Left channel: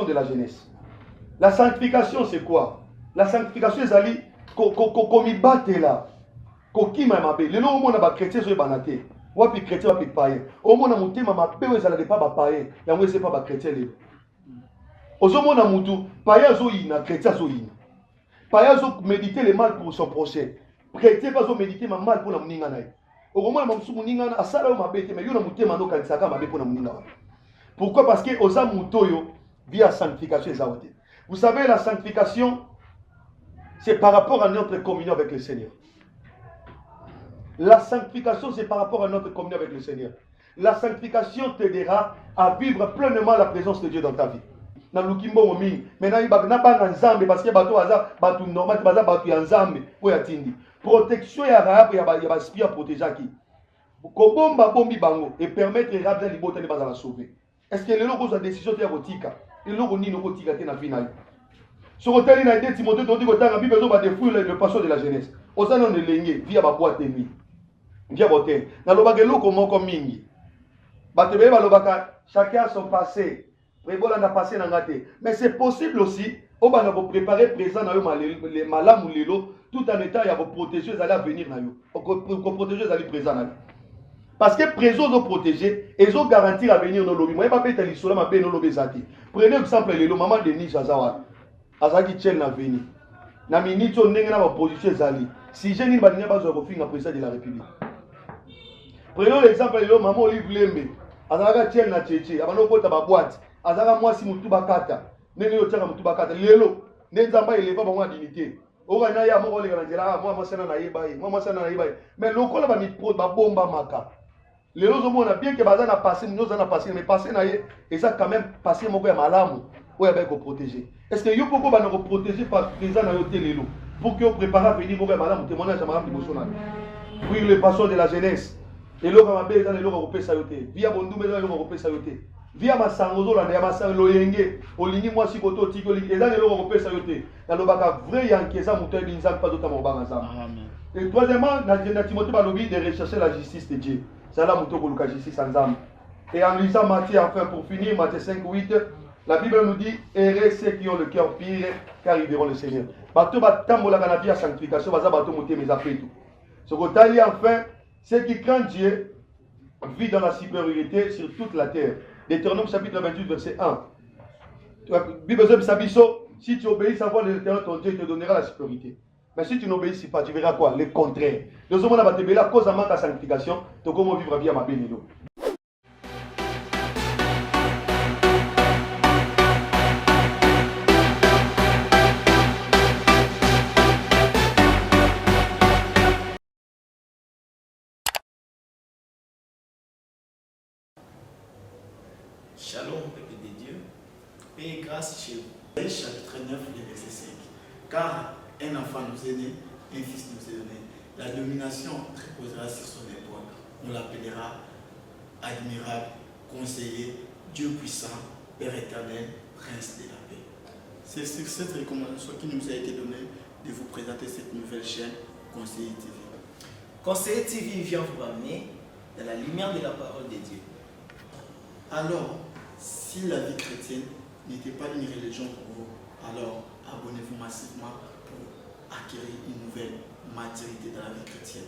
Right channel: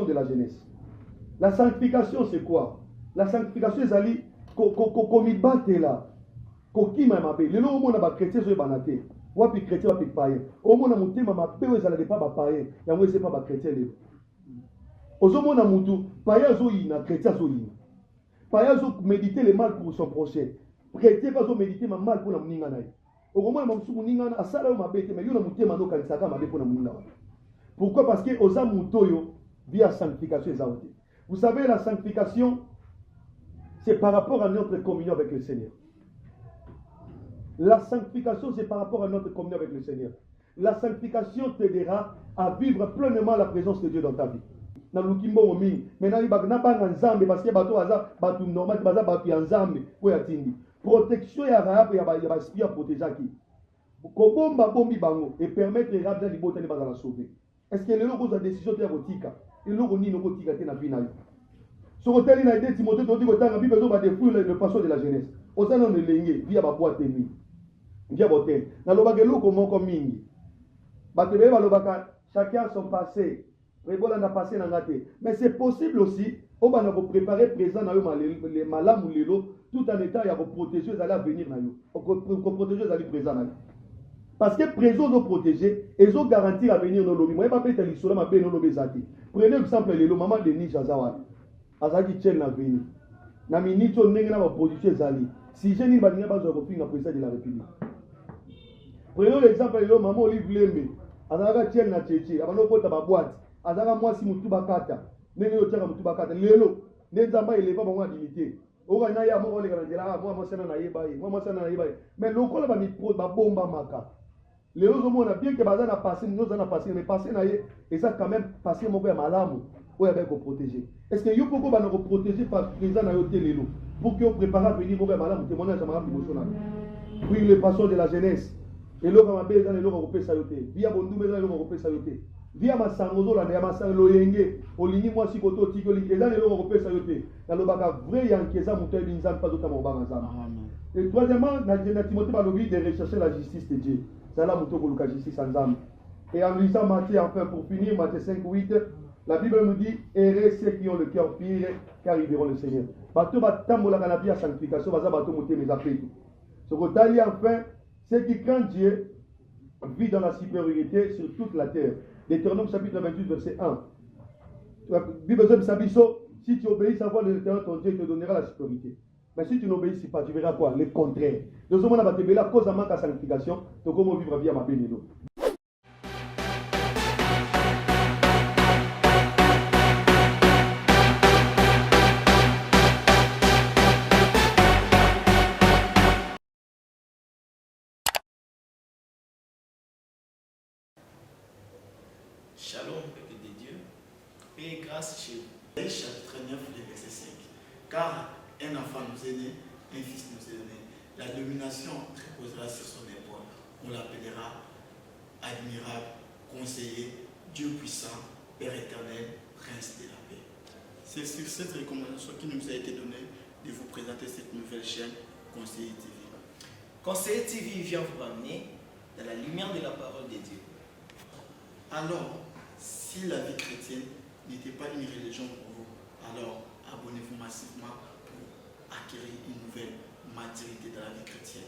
de la jeunesse. La sanctification, c'est quoi? La sanctification, c'est aller comme il batte là. Koki ma mabe. Le nom on a ba chrétien sur banate. Wapi chrétien wapi païen. Au moins na mutema mabe we zala de pas ba païen. Ya moi c'est pas ba chrétien le. Ozomo na mutu païen zo ina chrétien zo ina. Païen zo méditer le mal pour son prochain. Chrétien pas zo méditer ma mal pour la muninga na. Au moins na musu muninga na asala o mabe te mais yo na mutema no kanisaka mabe pour la muninga. Pourquoi? Parce que oza mutoyo via sanctification ezaote. Vous savez, la sanctification, c'est par rapport à notre communion avec le Seigneur. La sanctification, c'est par rapport à notre communion avec le Seigneur. La sanctification t'aidera à vivre pleinement la présence de Dieu dans ta vie. Maintenant, il y a nzambe parce que bato aza bato normal baza bato ya nzambe po ya tindi. Protection ya rap ya ba spia protéger qui. Ko bomba bombi bango et permettre rap de libota ne pas la sauver. Est-ce que les locaux ont décision de rotika? Les locaux ni no tika te na final. Sur hôtel il a été Timothée donc dit que la Bible va défouler le passion de la jeunesse. Osa non lengue via ba boîte nuit. Via hôtel. Na lobaka loko moko mingi. Batebe ba lobaka chacun a son passé. Prévola na passé na ngate. Mais c'est possible aussi on va nous préparer présent na yo malamu lelo tout en état ya protéger à l'avenir na yo. Ko protéger à présent na yo. Parce que présent nous protéger et nous garantir l'avenir nos lobby. Moi pas peut aller sur ma paix nos lobby zati. Prenez exemple le maman de Nisha Zawa. Azaki tient l'avenir. Na minute on n'est pas position zali. Si je n'ai pas de base au fin président de la République. Prenons l'exemple de maman Olive Lembe. Azaka tient na tchétché. Avant kota ba boîte. Azaka moi si mutu bakata. Nene yo tient mutu bakata. Lelo. Nenzamba il est pas bon dignité. Ogana ya mo le ganjela moi sana na yibai. Moi sana na yibai. Mais lokola ba mi pro ba bomba maka. Les autres on a bien que bazan a passé, nous en a passé, mais passé et ça quand même passé mon gars malamu, où il va être protégé. Est-ce que yo pourquoi va nous protéger par présent dans l'hôtel Lelo pour que vous préparez à venir mon gars malamu témoignage à madame Dimossona. Oui, le passion de la jeunesse. Les lots à ma belle dans les lots européens sayoté. Via Bondou mais dans les lots européens sayoté. Via ma sangozo là, ma sang loyenge, olingi moi si koto tiko et dans les lots européens sayoté. Dans le baka vrai yankeza moutoy binzam pas d'autant mon bagazam. Et troisièmement, dans Timothée Balobi de rechercher la justice de Dieu. C'est là que justice en âme. Et en lisant Matthieu, enfin pour finir, Matthieu 5, 8, la Bible nous dit errez ceux qui ont le cœur pire, car ils verront le Seigneur. Bateau batambo la canapie à sanctification, bateau monter mes affaires tout. Ce que tu as enfin, ceux qui craignent Dieu vivent dans la supériorité sur toute la terre. Deutéronome chapitre 28, verset 1. Bible si tu obéis à voix de l'Éternel, ton Dieu te donnera la supériorité. Mais si tu n'obéis pas, tu verras quoi? Le contraire. Nous sommes à la cause de ta sanctification, de comment vivre via ma bénédiction. Shalom, peuple de Dieu. Paix et grâce chez vous. Chapitre 9, le verset 5. Car un enfant nous est né, un fils nous est donné. La domination reposera sur son épaule. On l'appellera admirable, conseiller, Dieu puissant, Père éternel, Prince de la paix. C'est sur cette recommandation qui nous a été donnée de vous présenter cette nouvelle chaîne, Conseiller TV. Conseiller TV vient vous ramener dans la lumière de la parole de Dieu. Alors, si la vie chrétienne n'était pas une religion pour vous, alors abonnez-vous massivement pour acquérir une nouvelle maturité dans la vie chrétienne.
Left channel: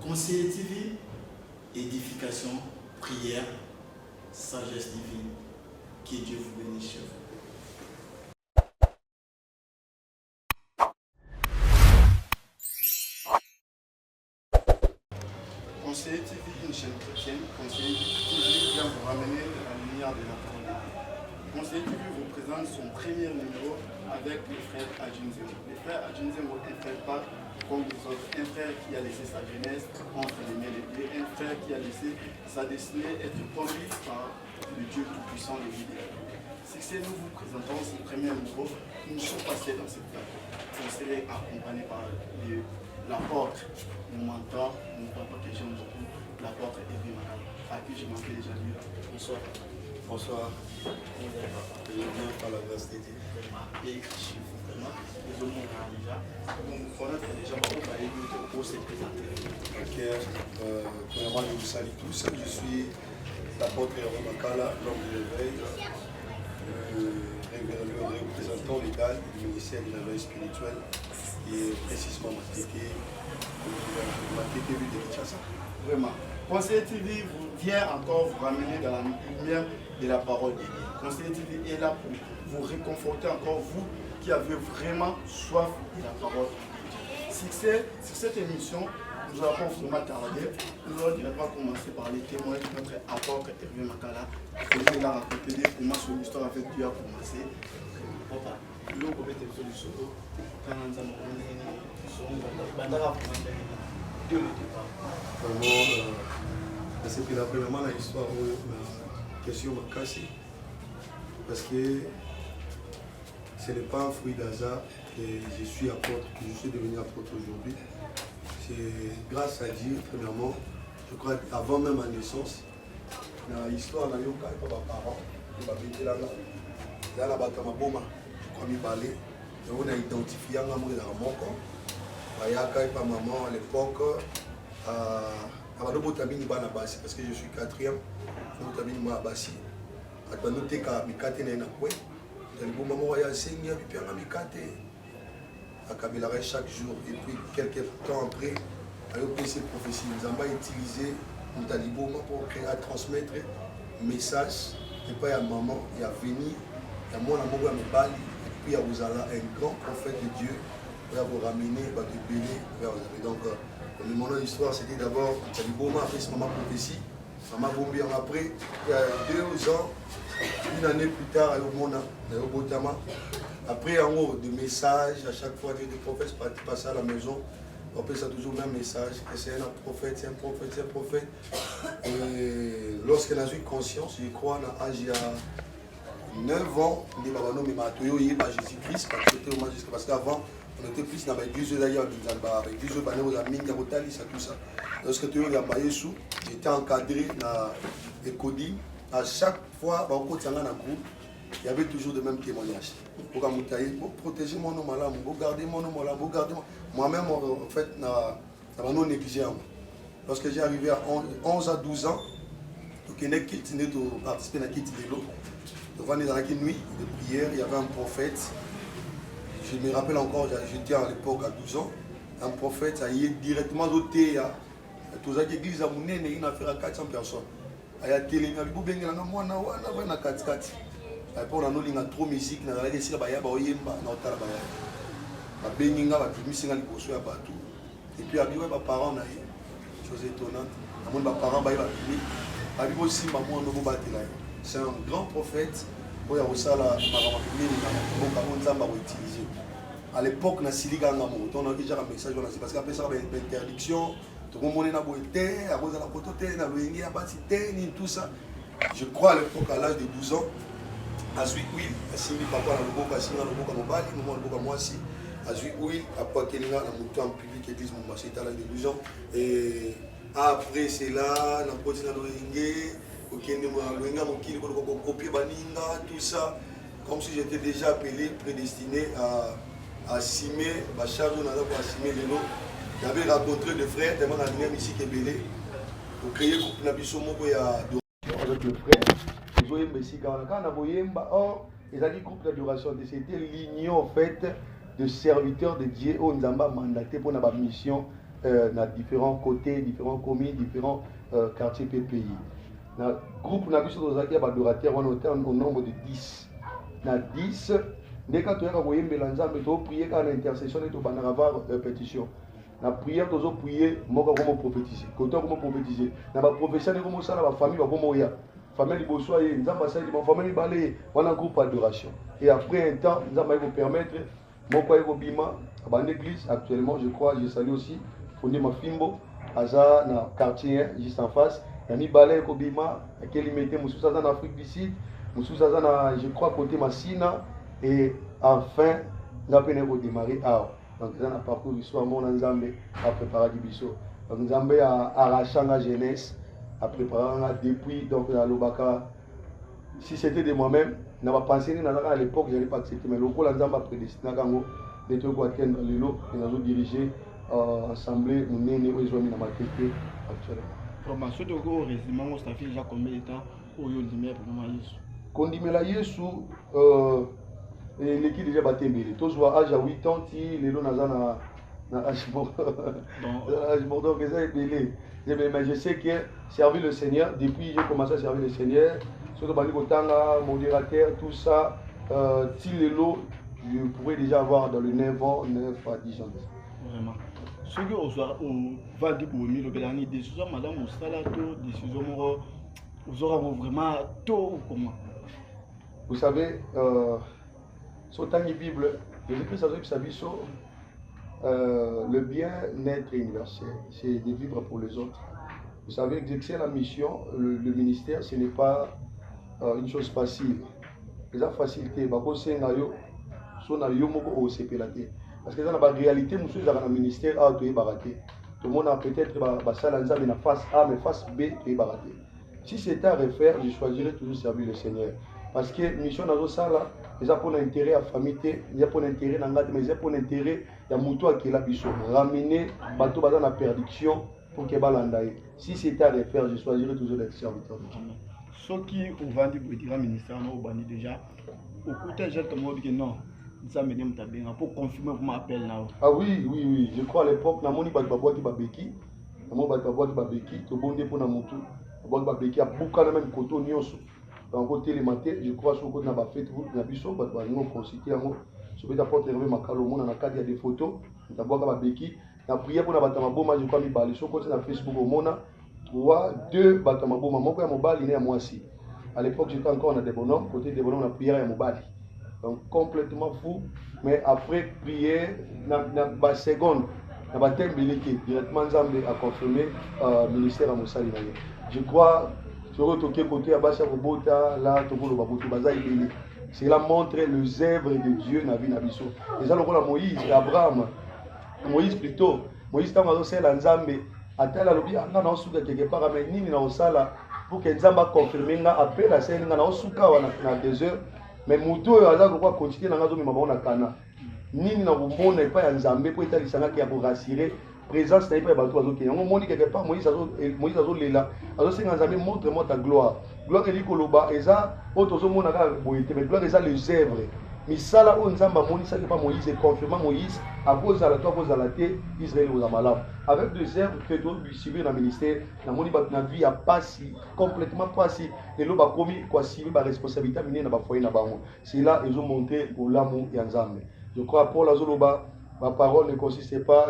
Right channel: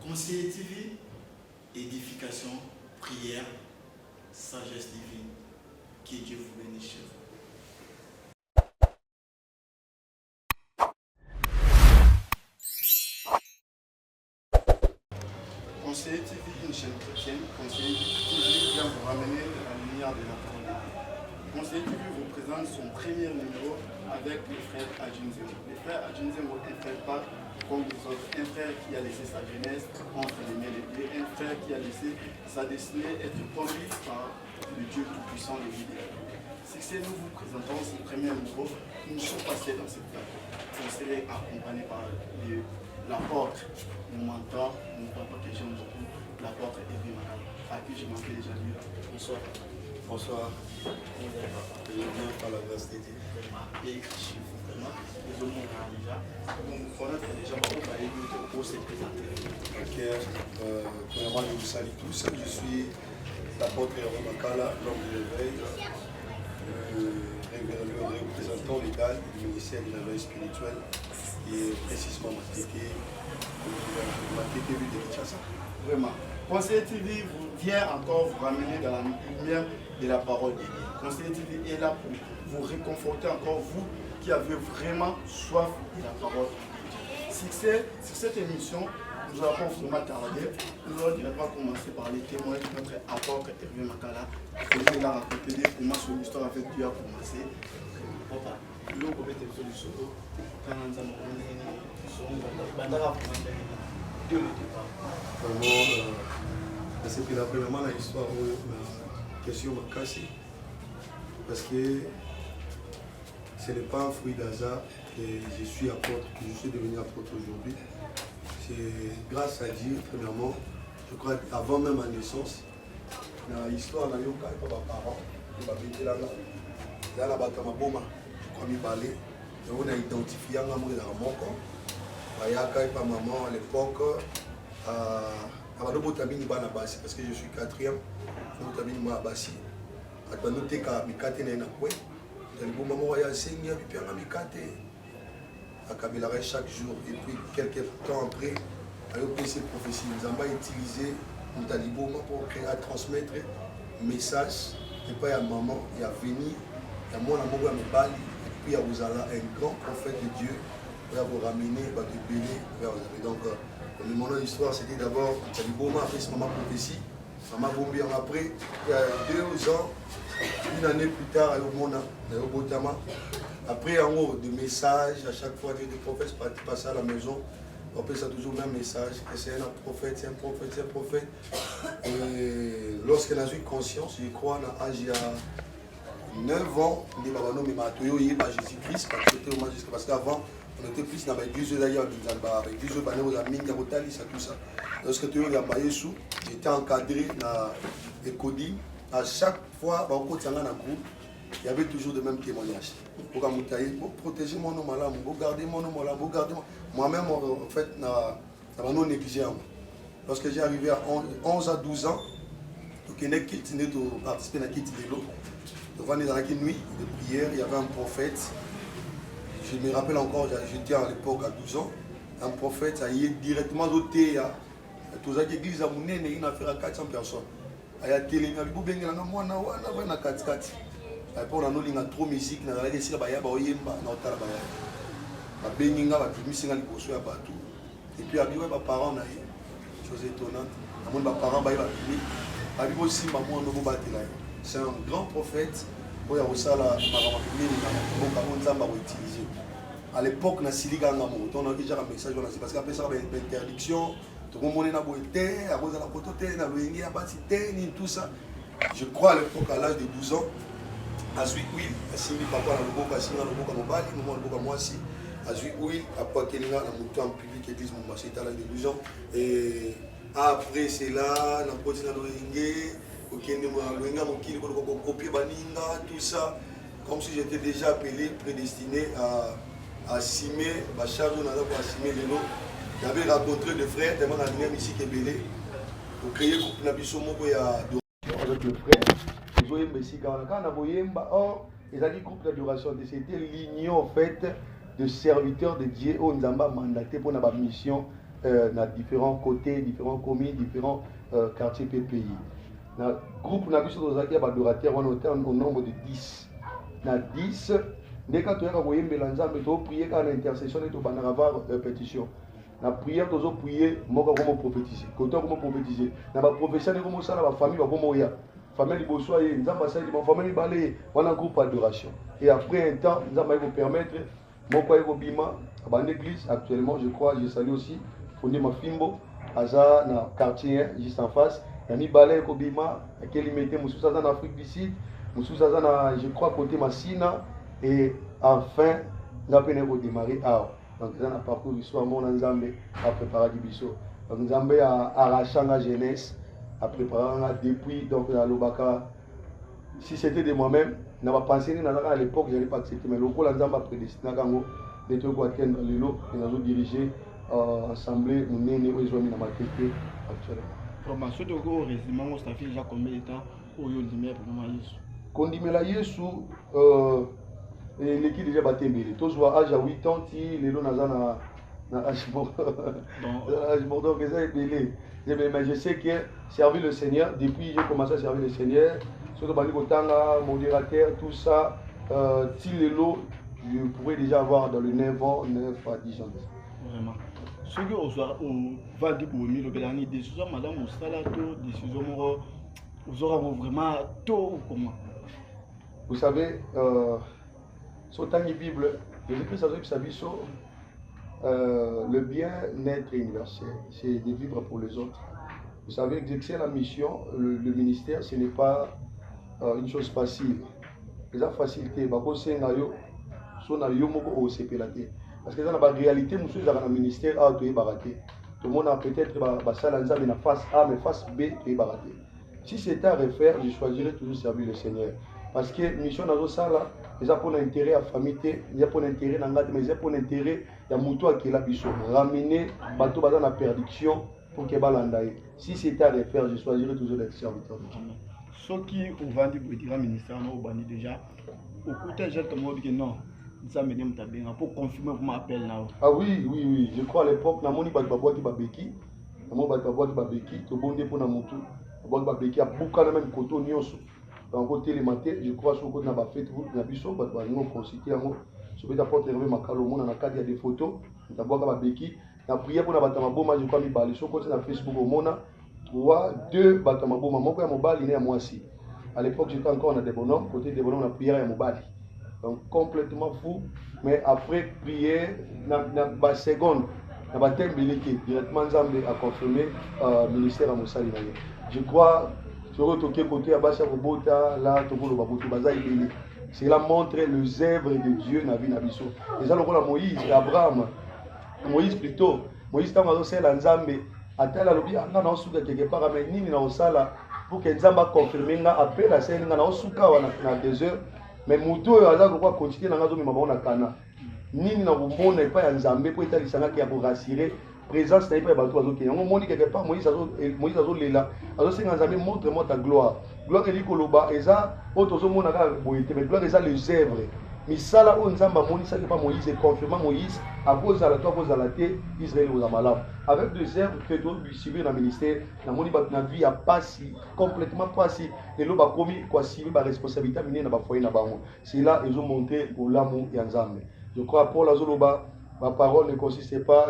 Conseiller TV, édification, prière, sagesse divine. Que Dieu vous bénisse chez vous. Conseiller TV, une chaîne chrétienne. Conseiller TV vient vous ramener à la lumière de la parole de Dieu. Conseiller TV vous présente son premier numéro avec le frère Adjunzemo. Le frère Adjunzemo est un frère pas comme les autres. Un frère qui a laissé sa jeunesse entre les mains de Dieu. Un frère qui a laissé sa destinée être conduite par le Dieu tout-puissant, le leader. C'est que nous vous présentons ce premier numéro. Nous sommes passés dans cette plateau. Vous serez accompagnés par l'apôtre, mon mentor, mon papa que j'aime beaucoup, l'apôtre Evi Manal, à qui je m'appelle déjà lui. Bonsoir. Bonsoir. Je viens par la grâce de Dieu. Ok, premièrement, je vous salue tous. Je suis l'apôtre Makala, l'homme de l'éveil. le représentant légal du ministère de la veille spirituelle, qui est précisément Mateke Ville de Kinshasa. Vraiment. Conseiller TV vient encore vous ramener dans la lumière de la parole de Dieu. Conseiller TV est là pour vous réconforter encore, vous qui avez vraiment soif de la parole de Dieu. Sur cette émission, nous allons vraiment tarder. Nous allons directement commencer par les témoins de notre apôtre Hervé Makala. Il a raconté comment son histoire avec Dieu a commencé. Papa, nous avons été sur le solo. Quand nous avons Dieu ne dit pas. Vraiment, c'est que premièrement, l'histoire la question m'a cassé. Parce que ce n'est pas un fruit d'hasard que je suis apôtre, que je suis devenu apôtre aujourd'hui. C'est grâce à Dieu, premièrement, je crois avant même ma naissance, dans l'histoire, on a eu un parent, qui m'a dit là, là, là, on a identifié un amour dans mon corps. Ayaka et ma maman à l'époque, parce que je suis quatrième, je suis à Bassi. Je suis à chaque jour. Et puis quelques temps après, avec ces prophéties, nous avons utilisé Montaliboma pour transmettre un message. Et puis à maman, il y a venu, il y a mon amour à mes balles, et puis il y a un grand prophète de Dieu. Pour ramener de Béné vers vous. Donc, mon histoire, c'était d'abord Montaliboma, après c'est maman prophétie. Maman Bombi après, il y a 2 ans, une année plus tard, à Yomona, à Yobotama. Après, en haut, des messages, à chaque fois que des prophètes passaient à la maison, on appelle ça toujours le même message, que c'est un prophète, c'est un prophète, c'est un prophète. Et lorsqu'on a eu conscience, je crois, à l'âge de 9 ans, on dit Jésus-Christ, parce qu'avant, on était plus dans les 10 d'ailleurs, avec 10 bannières aux amis, tout ça. Lorsque tu as Yesu, j'étais encadré dans les codines. À chaque fois, il y avait toujours le même témoignage. Pour protéger mon homme, pour garder mon homme, pour garder moi-même, en fait, je n'ai négligé. Lorsque j'ai arrivé à 11 à 12 ans, je n'ai participé à la quête de l'eau. Devant les nuits de prière, il y avait un prophète. Je me rappelle encore, j'étais à l'époque à 12 ans, un prophète, ça y est directement doté à toute l'église à Mounene, il a fait à 400 personnes. Il y a télé, il y a beaucoup de gens qui ont fait 4 4. On a trop de musique, on a fait des et puis, il y a des parents, chose étonnante, c'est un grand prophète. À l'époque, on a déjà un message, parce qu'après ça, il y a une interdiction, tout le monde a tout ça. Je crois à l'époque, à l'âge de 12 ans, à Zui Will, à Simi Papa, à Loboka, à Simi Loboka, Mobali, Loboka, moi aussi, à Zui Will, à Pakelinga, à Mouton en public, église, mon c'était à l'âge de 12 ans. Et après, c'est là, on a continué à l'Oyengue, tout ça, comme si j'étais déjà appelé, prédestiné à Simé, Bachar, on a Simé Lelo. J'avais rencontré des frères, tellement dans la ici qui est belé, pour créer le groupe Nabisomo avec le frère. Ils ont aimé ici quand on a voyé, ils ont dit groupe d'adoration. C'était l'union en fait de serviteurs de Dieu où nous avons mandaté pour notre mission dans différents côtés, différents communes, différents quartiers PPI. Dans le groupe d'adorateurs, on était au nombre de 10. Dans 10, dès que tu as envoyé Mélanza, tu as prié quand l'intercession est au avoir répétition. La prière, tu as prié, moi, comment prophétiser. Quand tu as prophétiser, dans la prophétie, comment ça, la famille va comment y famille de Bossoa, nous avons passé mon famille balé, on a un groupe d'adoration. Et après un temps, nous avons permettre, mon père Bima, à l'église, actuellement, je crois, je salue aussi, fondé ma Fimbo, à dans le quartier, juste en face. Il y a balé Bima, qui est limité, Moussousa en Afrique du Sud, Moussousa, je crois, côté Massina, et enfin, nous avons redémarré à. Donc, nous avons parcouru l'histoire, mon Nzambe a préparé du biseau. Donc, Nzambe a arraché la jeunesse, a préparé depuis, donc, à l'Obaka. Si c'était de moi-même, je n'avais pas pensé à l'époque, je n'allais pas accepter. Mais le rôle Nzambe a prédestiné à Gango, de tout quoi atteindre le lot, et nous avons dirigé l'Assemblée, nous avons mis dans ma tête actuellement. Formation de gros résumé, on s'est fait déjà combien de temps au lieu de lumière pour moi. kondimela Yesu l'équipe déjà batembele. Tous voient âge à 8 ans, les lots nazana na âge mort que ça est belé. Mais je sais que servir le Seigneur depuis j'ai commencé à servir le Seigneur, surtout bali kotanga, modérateur, tout ça, si les lots je pourrais déjà avoir dans le 9 ans, 9 à 10 ans. Vraiment. Ce que on va dire pour le dernier décision madame Moussala to décision vous aurez vraiment tôt ou comment? Vous savez sur la Bible, Jésus-Christ a dit le bien-être universel, c'est de vivre pour les autres. Vous savez, exercer la mission, le ministère, ce n'est pas une chose facile. C'est la facilité. Parce que dans la réalité, nous sommes dans le ministère A, tout est baraté. Tout le monde a peut-être une face A, mais face B, tout est baraté. Si c'était à refaire, je choisirais toujours servir le Seigneur. Parce que la mission dans ça, ils ont pour intérêt à la famille, ils ont pour intérêt à la mais ils ont pour intérêt à Moutoua qui est là, ramener bateau dans la perdition pour que balandaye. Si c'était à refaire, je choisirais toujours d'être serviteur de Dieu. Ce qui ont vendu pour le ministère, on a déjà. Au côté, j'ai comme dit que non, ça me dit pour confirmer pour m'appel là. Ah oui, oui, oui. Je crois à l'époque, na moni batbabwa qui babeki, na moni batbabwa qui babeki, to bondé pour na mutu, batbabwa babeki a bouka na même koto nyonso. Dans côté les matins, je crois sur côté na ba fête route na biso batba ngo consulter ngo. Je vais d'apporter lever makalo mona na cadre il y a des photos, batbabwa babeki, na prière pour na batama boma je crois mi bali sur côté na Facebook au mona 2 batama boma moko ya mobali na moi aussi. À l'époque, j'étais encore dans des bonhommes, côté des bonhommes, on a prié à Mobali. Donc complètement fou, mais après prier, dans la seconde, dans la directement Zambé a confirmé le ministère à Moussali. Je crois, sur le côté à Bassa Robota, là, c'est là montrer le zèbre de Dieu dans la vie d'Abisso. Et ça, le rôle à Moïse, Abraham, Moïse plutôt, Moïse, quand on a fait Zambé, à tel lobby, on a souka quelque part, mais ni dans la pour que Nzamba confirme après la scène na souka na 2 heures mais muto aza ko continuer na ngazo mema na kana nini na bomona pas ya Nzambe pour etalisanga ki ya pour rassurer présence na pas bato azoki yango moni quelque part Moïse azo lela azo senga Nzambe montre-moi ta gloire eli koloba eza otozo mona ka boyete mais gloire eza les œuvres misala o Nzamba moni ça pas Moïse et confirmant Moïse à cause de la toi cause de la terre Israël aux amalam avec des œuvres que doit lui suivre dans le ministère na moni ba na vie a pas si complètement pas si et lo ba commis quoi si ba responsabilité minée na ba foyer na bango c'est là ils ont montré pour l'amour et Nzambe je crois pour la zoloba ma parole ne consiste pas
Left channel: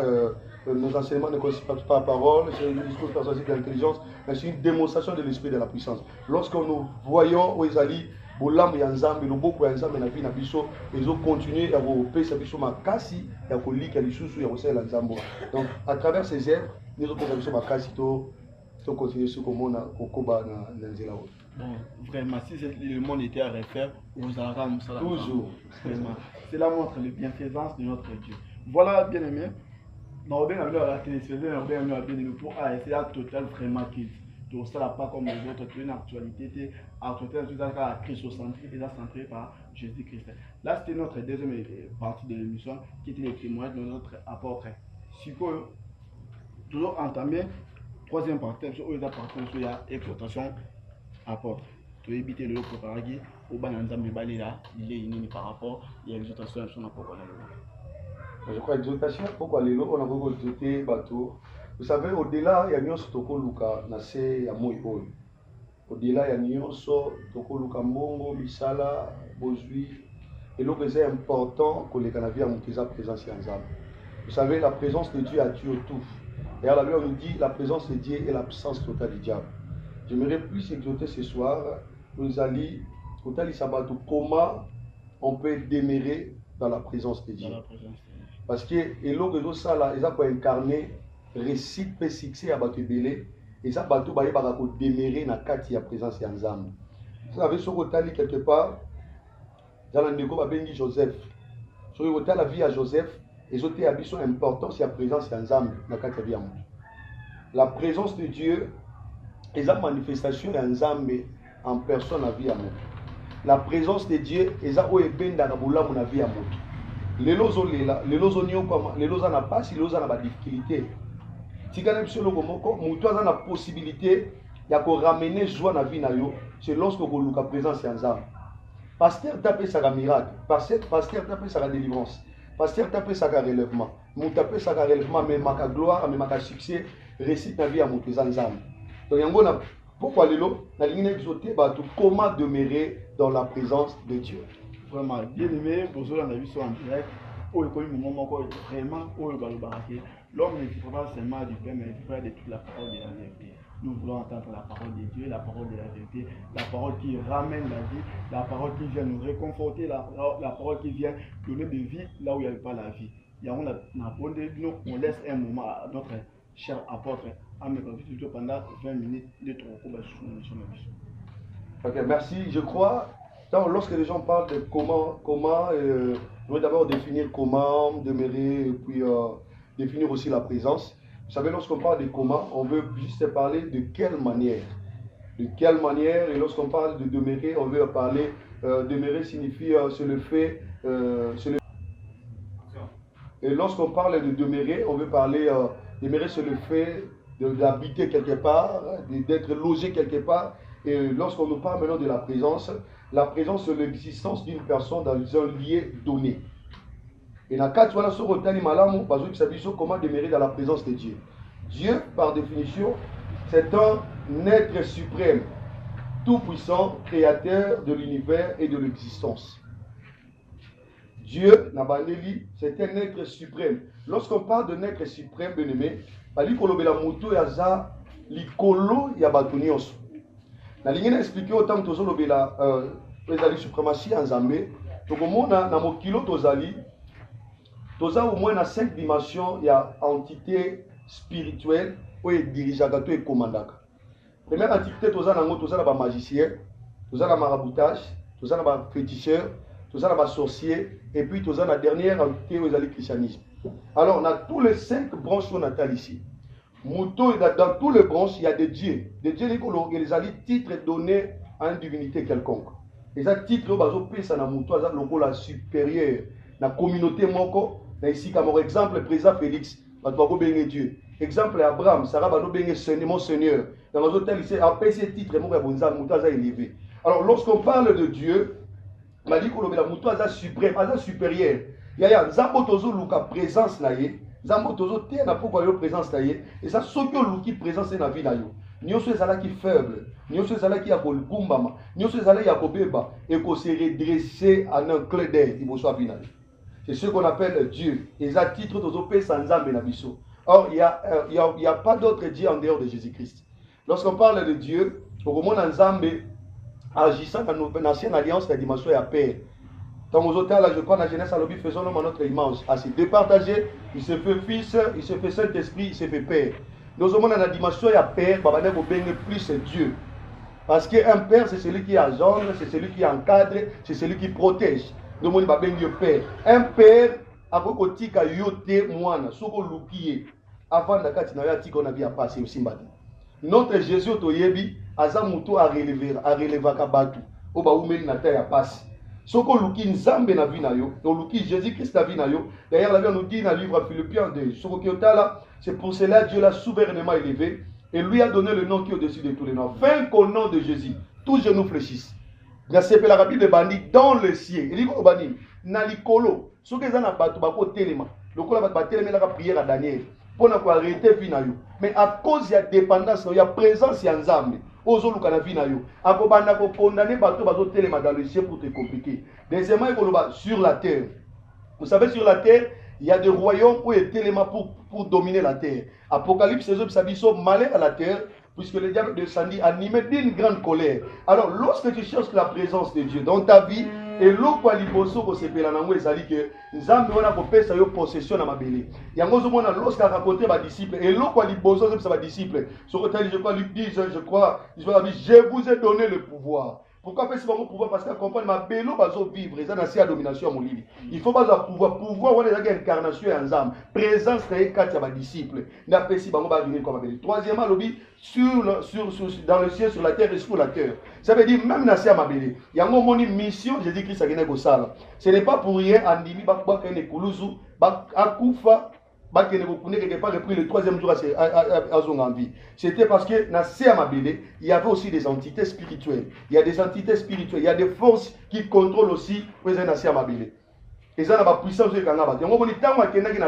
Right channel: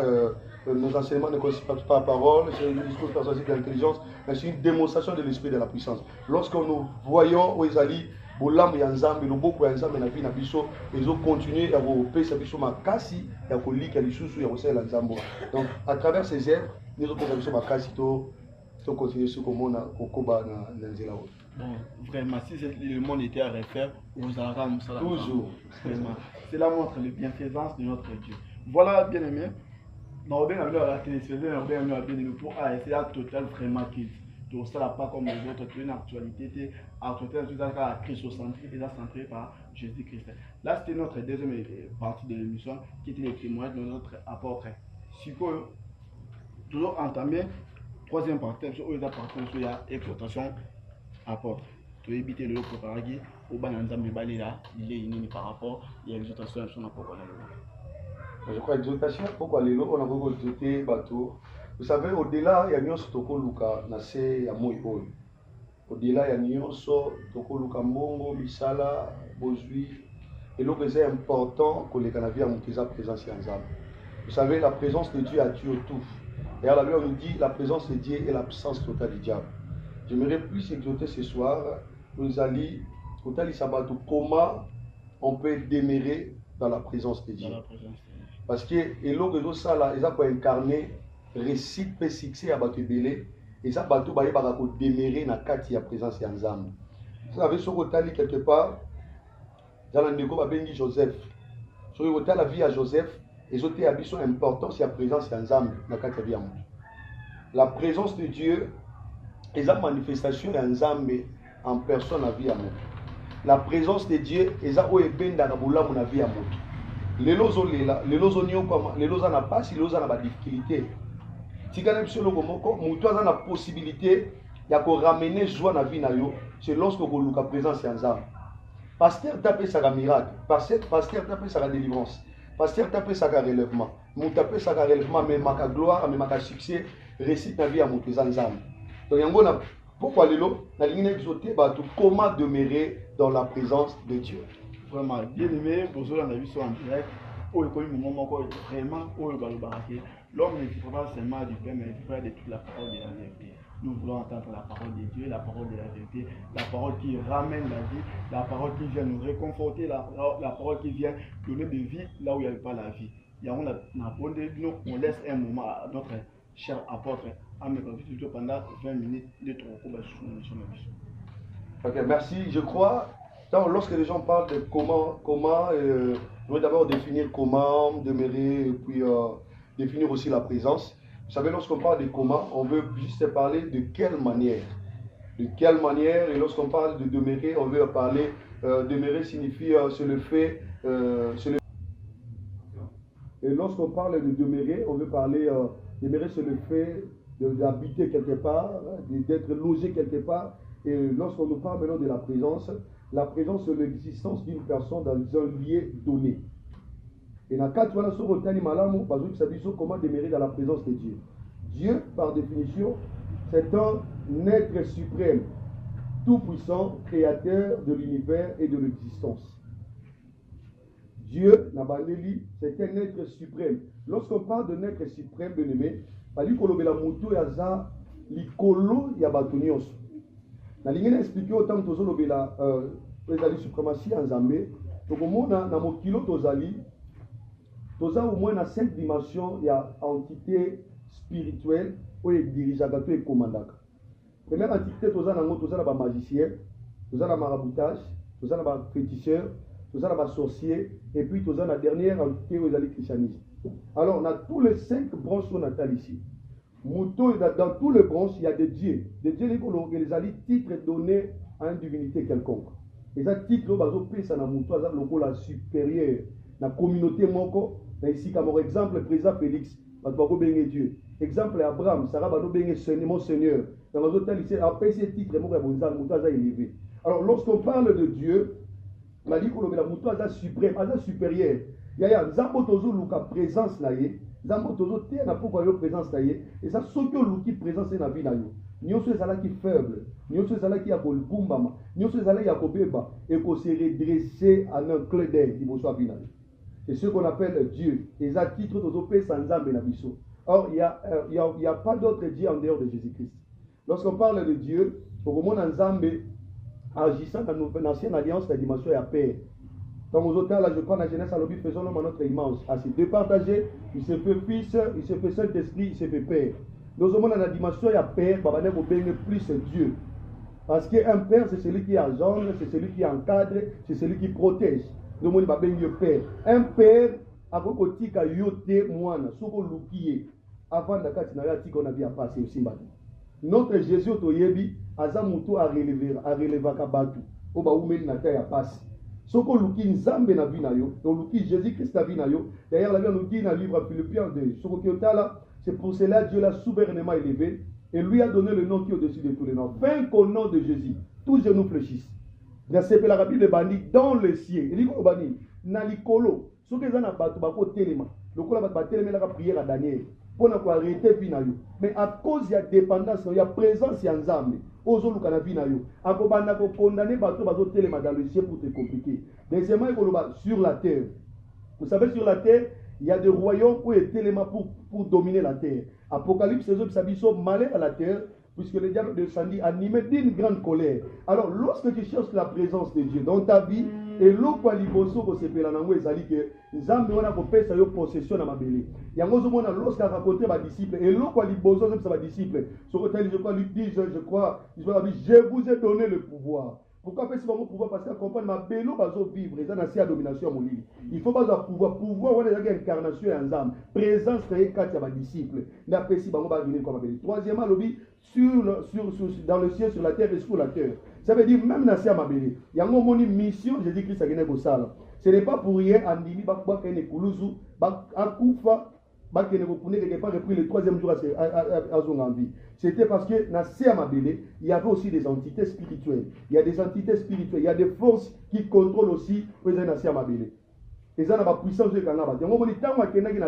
nos enseignements ne consistent pas par parole c'est un discours persuasif d'intelligence mais c'est une démonstration de l'esprit de la puissance lorsque nous voyons où ils allaient Bolam ya Nzambe loboko ya Nzambe na vie na biso ils ont continué à repérer biso makasi ya kolika lisusu ya kosala Nzambe donc à travers ces œuvres nous avons biso makasi to continuer ce komona kokoba na nzela o bon vraiment si le monde était à refaire vous allez ça toujours vraiment cela montre la bienfaisance de notre Dieu voilà bien aimé dans bien la télévision bien aimé pour c'est la totale vraiment qui donc ça n'a pas comme les autres, une actualité, tout ça christocentrique, déjà centré par Jésus-Christ. Là, c'était notre deuxième partie de l'émission, qui était les témoignages de notre apôtre. Si vous toujours entamé, troisième partie, sur la exhortation apôtre. Tu veux éviter le préparer au bananza mais là, il est par rapport à l'exhortation à son apôtre. Je crois exhortation, pourquoi les lots, on a beaucoup exhorté bateau. Vous savez, au-delà, il y a nyonso toko luka na se ya moi oyo. Au-delà, il y a nyonso toko luka mbongo, bisala, bozui. Et l'eau c'est important que les Canadiens ont la présence en Nzambe. Vous savez, la présence de Dieu a tué tout. Et à la Bible, on nous dit la présence de Dieu est l'absence totale du diable. J'aimerais plus exhorter ce soir, nous allons, comment on peut demeurer dans la présence de Dieu. Parce que l'eau ça là, ils ont incarné récite peut succès à bateau belé et ça bateau baye barako demeurer na kati ya présence ya Nzambe. Vous savez ce que quelque part dans l'andeko ba bengi Joseph. Sur le la vie à Joseph, ils ont été abisso importance ya présence ya Nzambe na kati ya vie. La présence de Dieu est la manifestation ya Nzambe en personne à vie à moi. La présence de Dieu est la obenda na bulamu na vie à moi. Les lozo na pas si lozo na ba difficulté. Si vous avez la possibilité de ramener joie dans la vie, c'est lorsque vous avez la présence de Nzambe. Pasteur tapé ça miracle, pasteur tapé ça délivrance, pasteur tapé ça relèvement, mon tapé ça relèvement, mais ma gloire, mais ma succès, récite la vie à mon zanzam. Donc yango pourquoi lelo na ligne exauté ba tout comment demeurer dans la présence de Dieu. Vraiment bien aimé, bonjour on a vu ça en direct. Oh il moment vraiment oh l'homme ne vivra pas seulement du pain, mais il vivra de toute la parole de la vérité. Nous voulons entendre la parole de Dieu, la parole de la vérité, la parole qui ramène la vie, la parole qui vient nous réconforter, la parole qui vient donner de vie là où il n'y avait pas la vie. Et on laisse un moment à notre cher apôtre à me confier pendant 20 minutes de Ok, merci. Je crois, lorsque les gens parlent de comment, je vais d'abord définir comment demeurer, et puis définir aussi la présence. Vous savez, lorsqu'on parle de comment, on veut juste parler de quelle manière. De quelle manière, et lorsqu'on parle de demeurer, on veut parler, demeurer signifie c'est le fait, et lorsqu'on parle de demeurer, on veut parler, demeurer c'est le fait d'habiter quelque part, d'être logé quelque part. Et lorsqu'on nous parle maintenant de la présence c'est l'existence d'une personne dans un lieu donné. Et dans le cas de comment demeurer dans la présence de Dieu. Dieu, par définition, c'est un être suprême, tout-puissant, créateur de l'univers et de l'existence. Dieu, c'est un être suprême. Lorsqu'on parle d'un être suprême, bien aimé, na ligne expliquer autant que tozolobela ezali suprématie en Zambé. Tokomona na mokilo tozali toza au moins na 5 dimensions il y a entité spirituelle oyo dirigeaka to ekomandaka. Première entité toza nango toza na ba magicien, toza na maraboutage, toza na ba féticheur, toza na ba sorcier et puis toza na dernière entité oyo ezali christianisme. Alors on a tous les 5 branches qu'on a ici. Dans tous les branches, il y a des dieux. Des dieux, les titres donnés à une divinité quelconque. Et ça, titre, c'est la supérieure. La communauté, ici, comme exemple, le président Félix, Dieu. Exemple, Abraham, Sarah, mon Seigneur. Dans les hôtels, ici, après ces titres, élevé. Alors, lorsqu'on parle de Dieu, on dit que la suprême, supérieur. Il y a un présence là. Zambo tozo te na pourquoi yo présence taillé et ça sokyo luki présence na vie na yo nyoso ezala ki faible nyoso ezala ki ya kolgumbama nyoso ezala ya kobeba et ko se redresser en un clin d'œil il soit final. C'est ce qu'on appelle Dieu et ça titre tozo pe sans Nzambe na biso. Or il y a pas d'autre Dieu en dehors de Jésus-Christ. Lorsqu'on parle de Dieu au moment Nzambe agissant dans l'ancienne alliance la dimension ya père. Dans vos hôtels, là, je crois, la jeunesse à l'objet, faisons l'homme à notre image. Assez départagé, il se fait fils, il se fait Saint-Esprit, il se fait père. Nous sommes dans la dimension, il y a père, vous bénir plus Dieu. Parce qu'un père, c'est celui qui engendre, c'est celui qui encadre, c'est celui qui protège. Nous sommes dans le père. Un père, après qu'on a yoté, moine, soko lukiye, avant la carte, on a vu à passer aussi. Notre Jésus, Toyebi, Azamuto a relevé Kabatu, Oba Oumel Nata a passé. Soko luki nzambe na vie na yo, luki Jésus-Christ na vie na yo. D'ailleurs, la Bible nous dit dans le livre Philippiens 2, Soko Kiotala, c'est pour cela Dieu l'a souverainement élevé et lui a donné le nom qui est au-dessus de tous les noms. Afin qu'au nom de Jésus, tous genoux fléchissent. Il y a la Bible de bandit dans le ciel. Il dit au bandit, nalikolo, ce que zana batu bako telema, le kola batu telema la prière à Daniel pour ne pas arrêter vie na yo. Mais à cause de la dépendance, il y a présence y a nzambe. Ozoluka na vie na yo akobanda ko condamner bato bazo telema dans le ciel pour te compliquer. Deuxièmement il sur la terre. Vous savez sur la terre il y a des royaumes où il téléma pour dominer la terre. Apocalypse sabiso malheur à la terre puisque le diable descendit animé d'une grande colère. Alors lorsque tu cherches la présence de Dieu dans ta vie et l'eau liboso ko sepela nango ezali que nzambe wana ko pesa yo possession na mabele. Yango zo mona lorsque a raconté ba disciples et l'eau liboso c'est ba disciples. Ce que je crois Luc 10 je crois je vous ai donné le pouvoir. Pourquoi faire ce pouvoir? Parce qu'à comprendre ma bélo bazo vivre et ça n'a pas domination mon livre. Il faut pas pouvoir on est une incarnation et ensemble. Présence c'est quatre ya disciples. N'a pas si bango ba venir comme bélo. Troisièmement lobby dans le ciel sur la terre et sur la terre. Ça veut dire même na sia mabele. Yango moni mission Jésus-Christ a gagné ko sala. Ce n'est pas pour rien andimi ba kwa kene kuluzu ba akufa quelque part repris le troisième jour à son envie. C'était parce que dans Mabélé, il y avait aussi des entités spirituelles. Il y a des entités spirituelles, il y a des forces qui contrôlent aussi les Mabélé. Et ça n'a pas puissance de Kangaba. On va dire que les gens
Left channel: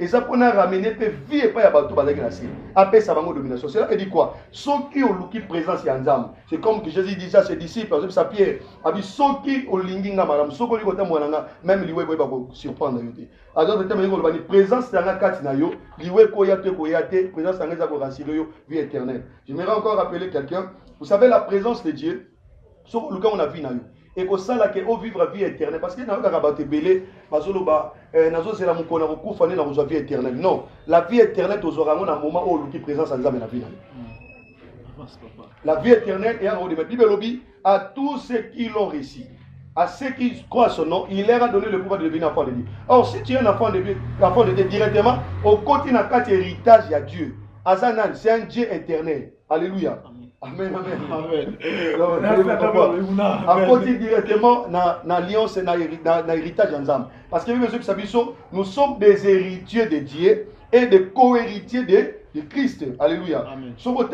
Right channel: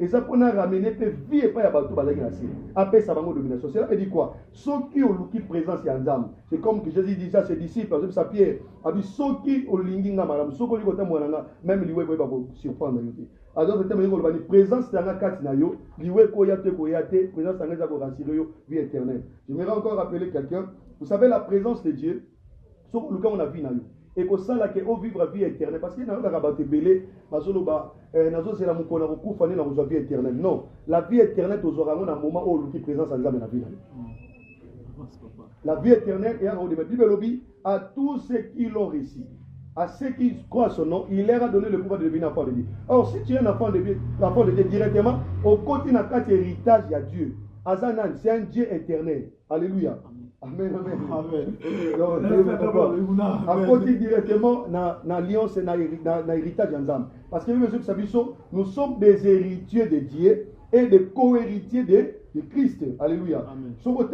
et ça pour ramener peu vie et pas ya bateau bazaki na si. Après ça va domination. Cela veut dire quoi? Ceux qui ont qui présence ya nzam. C'est comme que Jésus dit ça à ses disciples, par exemple ça Pierre. Abi ceux qui ont linginga madame, ceux qui ont tamwana même liwe boy ba ko surprendre yote. Alors le terme ko présence na kati na yo, liwe ko ya te présence na za ko rassurer yo vie éternelle. J'aimerais encore rappeler quelqu'un. Vous savez la présence de Dieu sur le cas on a vu na yo. Et que ça là que au vivre vie éternelle parce que dans le cas belé bazoloba nazo c'est la mukona ko kufane na vie éternelle non la vie éternelle tozora ngona moment où qui présence en nzambe na vie la vie éternelle est en haut de la Bible lobby à tous ceux qui l'ont réussi à ceux qui croient son nom il leur a donné le pouvoir de devenir enfant de Dieu. Or si tu es un enfant de Dieu directement au côté na quatre héritage à Dieu Azanan c'est un Dieu éternel. Alléluia. Amen, amen. Amen. À côté directement dans l'alliance et dans l'héritage ensemble. Parce que nous sommes des héritiers de Dieu et des co-héritiers de Christ. Alléluia. Si vous